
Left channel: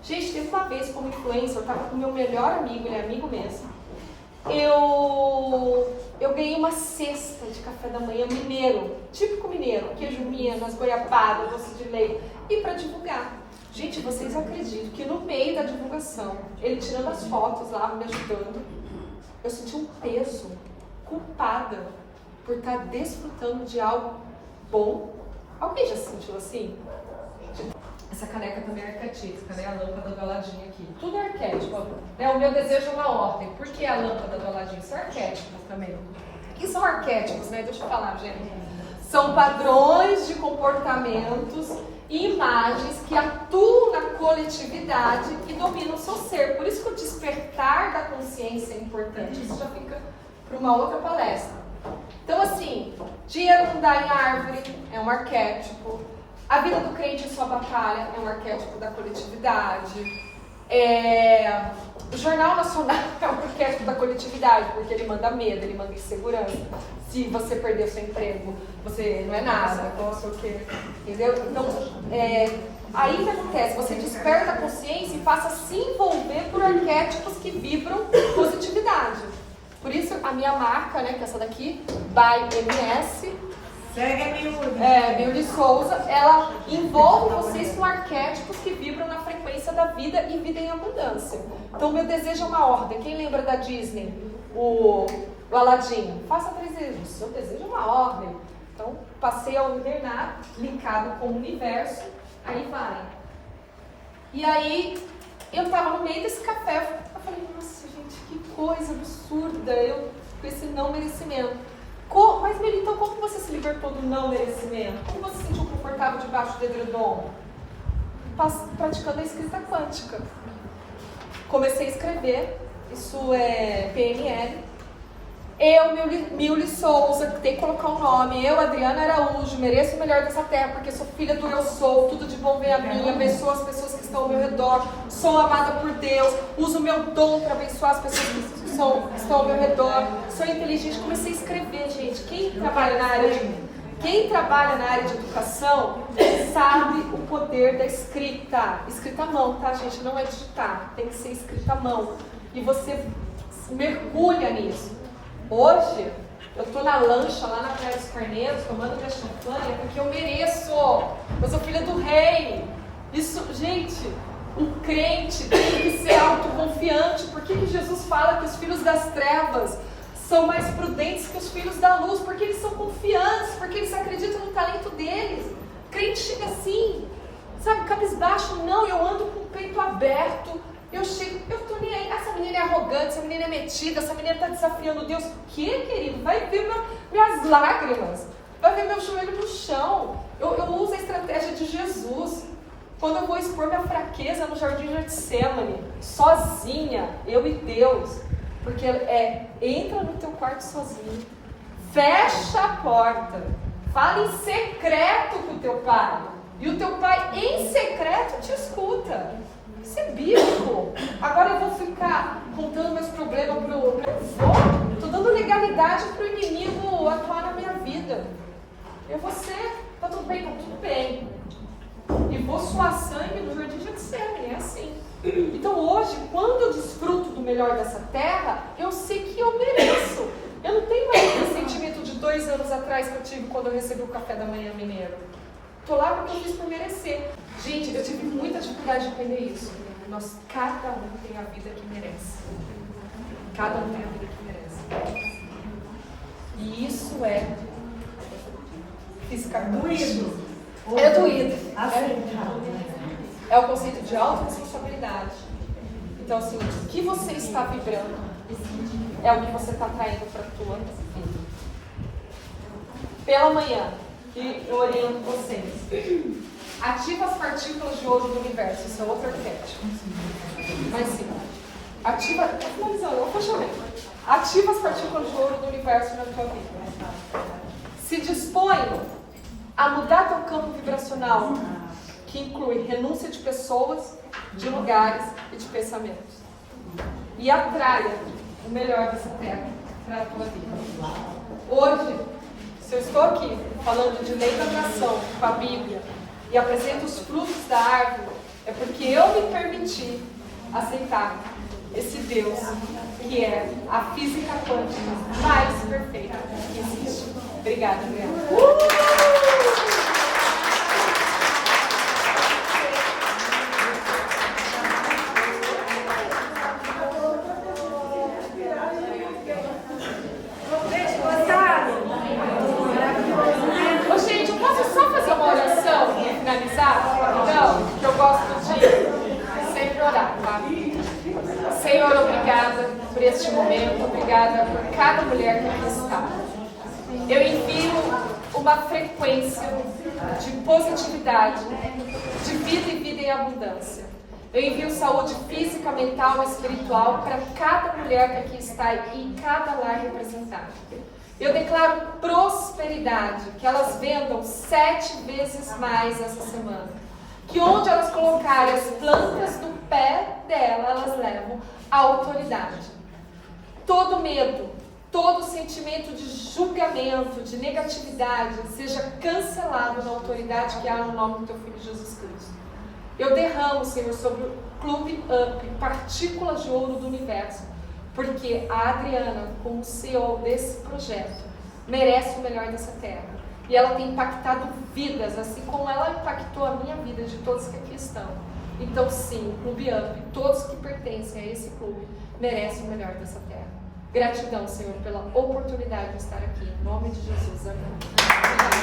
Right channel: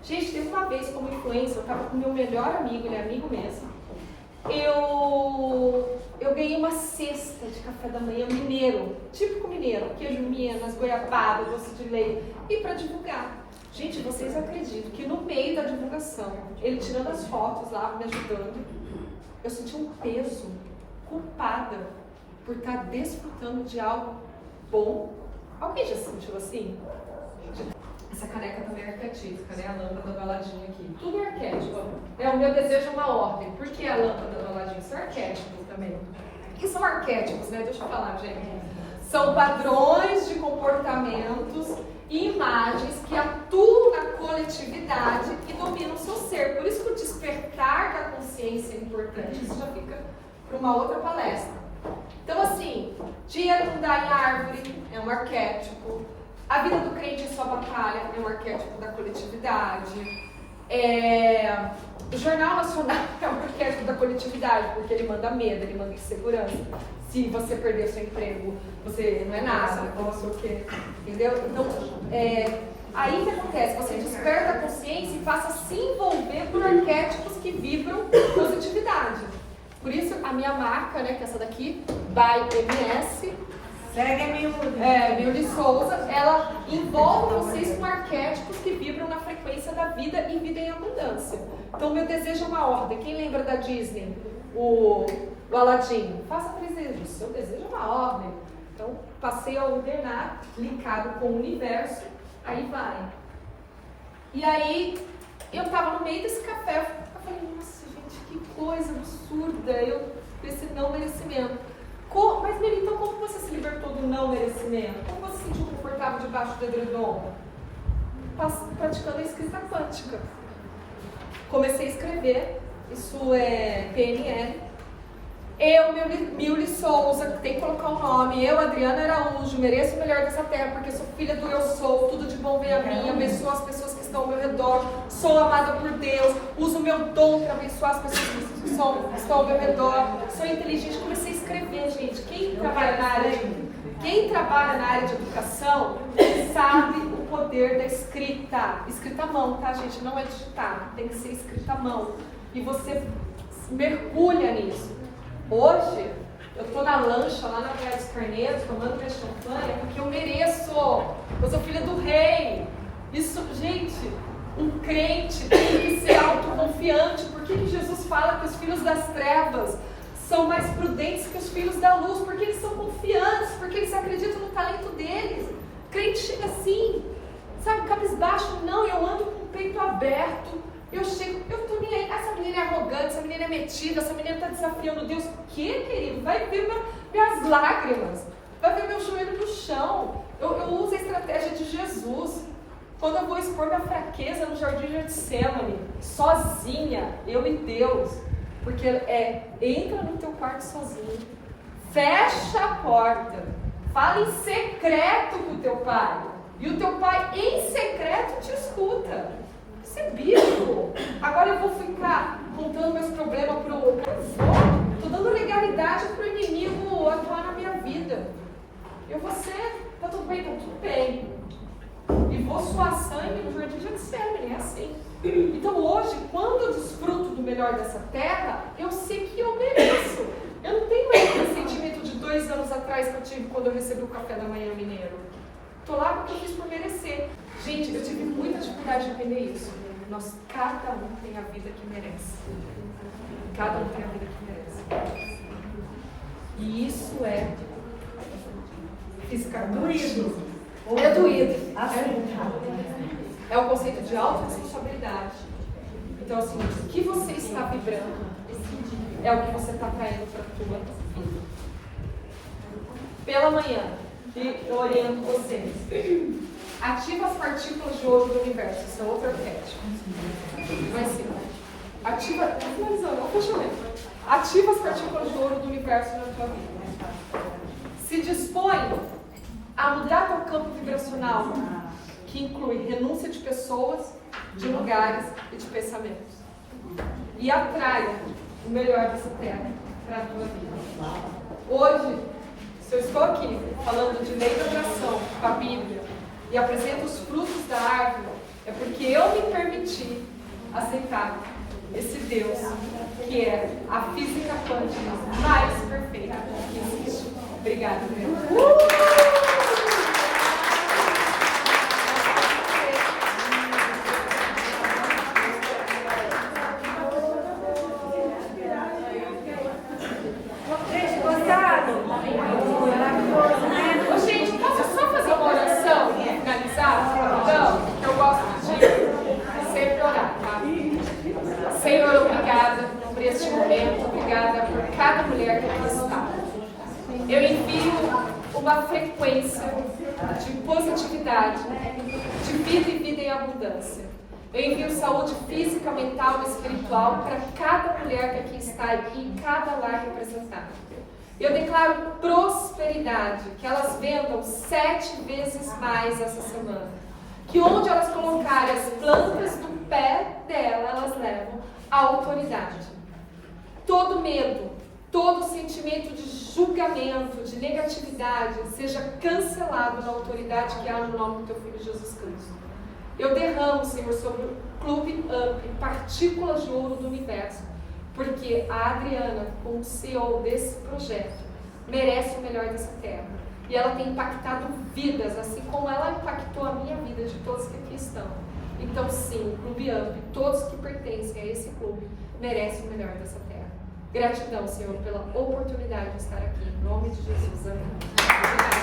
Gente, teve uma vez como influencer, eu estava com o meu melhor amigo, ele é amigo mesmo. Eu ganhei uma cesta de café da manhã mineiro, típico mineiro, queijo minas, goiabada, doce de leite, e para divulgar. Gente, vocês acreditam que no meio da divulgação, ele tirando as fotos lá, me ajudando, eu senti um peso, culpada, por estar desfrutando de algo bom. Alguém já se sentiu assim? Essa caneca também é arquetípica, né? A lâmpada do Aladim aqui. Tudo arquétipo. O meu desejo é uma ordem. Por que a lâmpada do Aladim? Isso é arquétipo também. O que são arquétipos, né? Deixa eu falar, gente. São padrões de comportamentos e imagens que atuam na coletividade e dominam o seu ser. Por isso que o despertar da consciência é importante. Isso já fica para uma outra palestra. Então, assim, dinheiro não dá em árvore, é um arquétipo. A vida do crente é sua batalha, é um arquétipo da coletividade. O Jornal Nacional é um arquétipo da coletividade, porque ele manda medo, ele manda insegurança. Se você perder o seu emprego, você não é nada, não sei o quê. Entendeu? Então, aí que acontece? Você desperta a consciência e passa a se envolver por arquétipos que vibram positividade. Por isso, a minha marca, né, que é essa daqui, by MS, Milly Souza, ela envolve vocês com arquétipos que vibram na frequência da vida e vida em abundância. Então, meu desejo é uma ordem. Quem lembra da Disney? O Aladim. Faça 3 desejos. Seu desejo é uma ordem. Então, passei a ordenar, linkado com o universo, aí vai. E aí, eu estava no meio desse café, eu falei, nossa, gente, que coisa absurda, eu com esse não merecimento. Mas, Meli, então como você se libertou do não merecimento? Como você se sentiu confortável debaixo do edredom? Praticando a escrita quântica. Comecei a escrever, isso é PNL. Eu, Milly Souza, tem que colocar o nome. Eu, Adriana Araújo, mereço o melhor dessa terra, porque sou filha do eu sou, tudo de bom vem a mim, abençoo as pessoas que estão ao meu redor, sou amada por Deus, uso o meu dom para abençoar as pessoas que estão ao meu redor, sou inteligente. Comecei a escrever, gente. Quem trabalha na área de educação sabe o poder da escrita. Escrita à mão, tá, gente? Não é digitar, tem que ser escrita à mão. e você mergulha nisso. Hoje, eu estou na lancha lá na Praia dos Carneiros, tomando minha champanhe, porque eu mereço. Eu sou filha do rei. Isso, gente, um crente tem que ser autoconfiante. Por que Jesus fala que os filhos das trevas são mais prudentes que os filhos da luz? Porque eles são confiantes, porque eles acreditam no talento deles. O crente chega assim, sabe, cabisbaixo. Não, eu ando com o peito aberto. Eu chego, eu tô nem aí. Essa menina é arrogante, essa menina é metida, essa menina tá desafiando Deus. O que, querido? Vai ver minhas lágrimas, vai ver meu joelho no chão. Eu uso a estratégia de Jesus. Quando eu vou expor minha fraqueza no jardim de Getsemane, sozinha, eu e Deus, porque entra no teu quarto sozinho, fecha a porta, fala em secreto com o teu pai, e o teu pai em secreto te escuta. Isso é bíblico. Agora eu vou ficar contando meus problemas estou dando legalidade para o inimigo atuar na minha vida. Eu vou ser, tá tudo bem, e vou suar sangue no jardim de Getsemane, é assim. Então hoje, quando eu desfruto do melhor dessa terra, eu sei que eu mereço. Eu não tenho mais aquele sentimento de 2 anos atrás que eu tive quando eu recebi o café da manhã mineiro. Estou lá porque eu fiz por merecer. Gente, eu tive muita dificuldade de entender isso. Cada um tem a vida que merece. Cada um tem a vida que merece. E isso é fisicamente. É doído. É o conceito de autorresponsabilidade. Então, assim, o que você está vibrando é o que você está traindo para a tua vida. Pela manhã, e eu oriento vocês. Ativa as partículas de ouro do universo. Isso é outro arquétipo. Mas sim. Ativa. Estou finalizando, eu fechamento. Ativa as partículas de ouro do universo na tua vida. Se dispõe a mudar teu campo vibracional, que inclui renúncia de pessoas, de lugares e de pensamentos. E atraia o melhor dessa terra para a tua vida. Hoje, se eu estou aqui falando de lei da atração com a Bíblia e apresento os frutos da árvore, é porque eu me permiti aceitar esse Deus que é a física quântica mais perfeita que existe. Obrigada, Adriana. Vocês gostaram? Maravilhoso. Gente, posso só fazer uma oração para finalizar? Não, que eu gosto de sempre orar, tá? Senhor, obrigada por este momento, obrigada por cada mulher que aqui está. Eu envio uma frequência de positividade, de vida e vida em abundância. Eu envio saúde física, mental e espiritual para cada mulher que aqui está e em cada lar representado. Eu declaro prosperidade, que elas vendam 7 vezes mais essa semana. Que onde elas colocarem as plantas do pé dela, elas levam a autoridade. Todo medo, todo sentimento de julgamento, de negatividade, seja cancelado na autoridade que há no nome do teu Filho Jesus Cristo. Eu derramo, Senhor, sobre o Clube Up, partículas de ouro do universo, porque a Adriana, como CEO desse projeto, merece o melhor dessa terra. E ela tem impactado vidas, assim como ela impactou a minha vida, de todos que aqui estão. Então sim, o Clube Up, todos que pertencem a esse clube, merecem o melhor dessa terra. Gratidão, Senhor, pela oportunidade de estar aqui. Em nome de Jesus. Amém. Obrigada.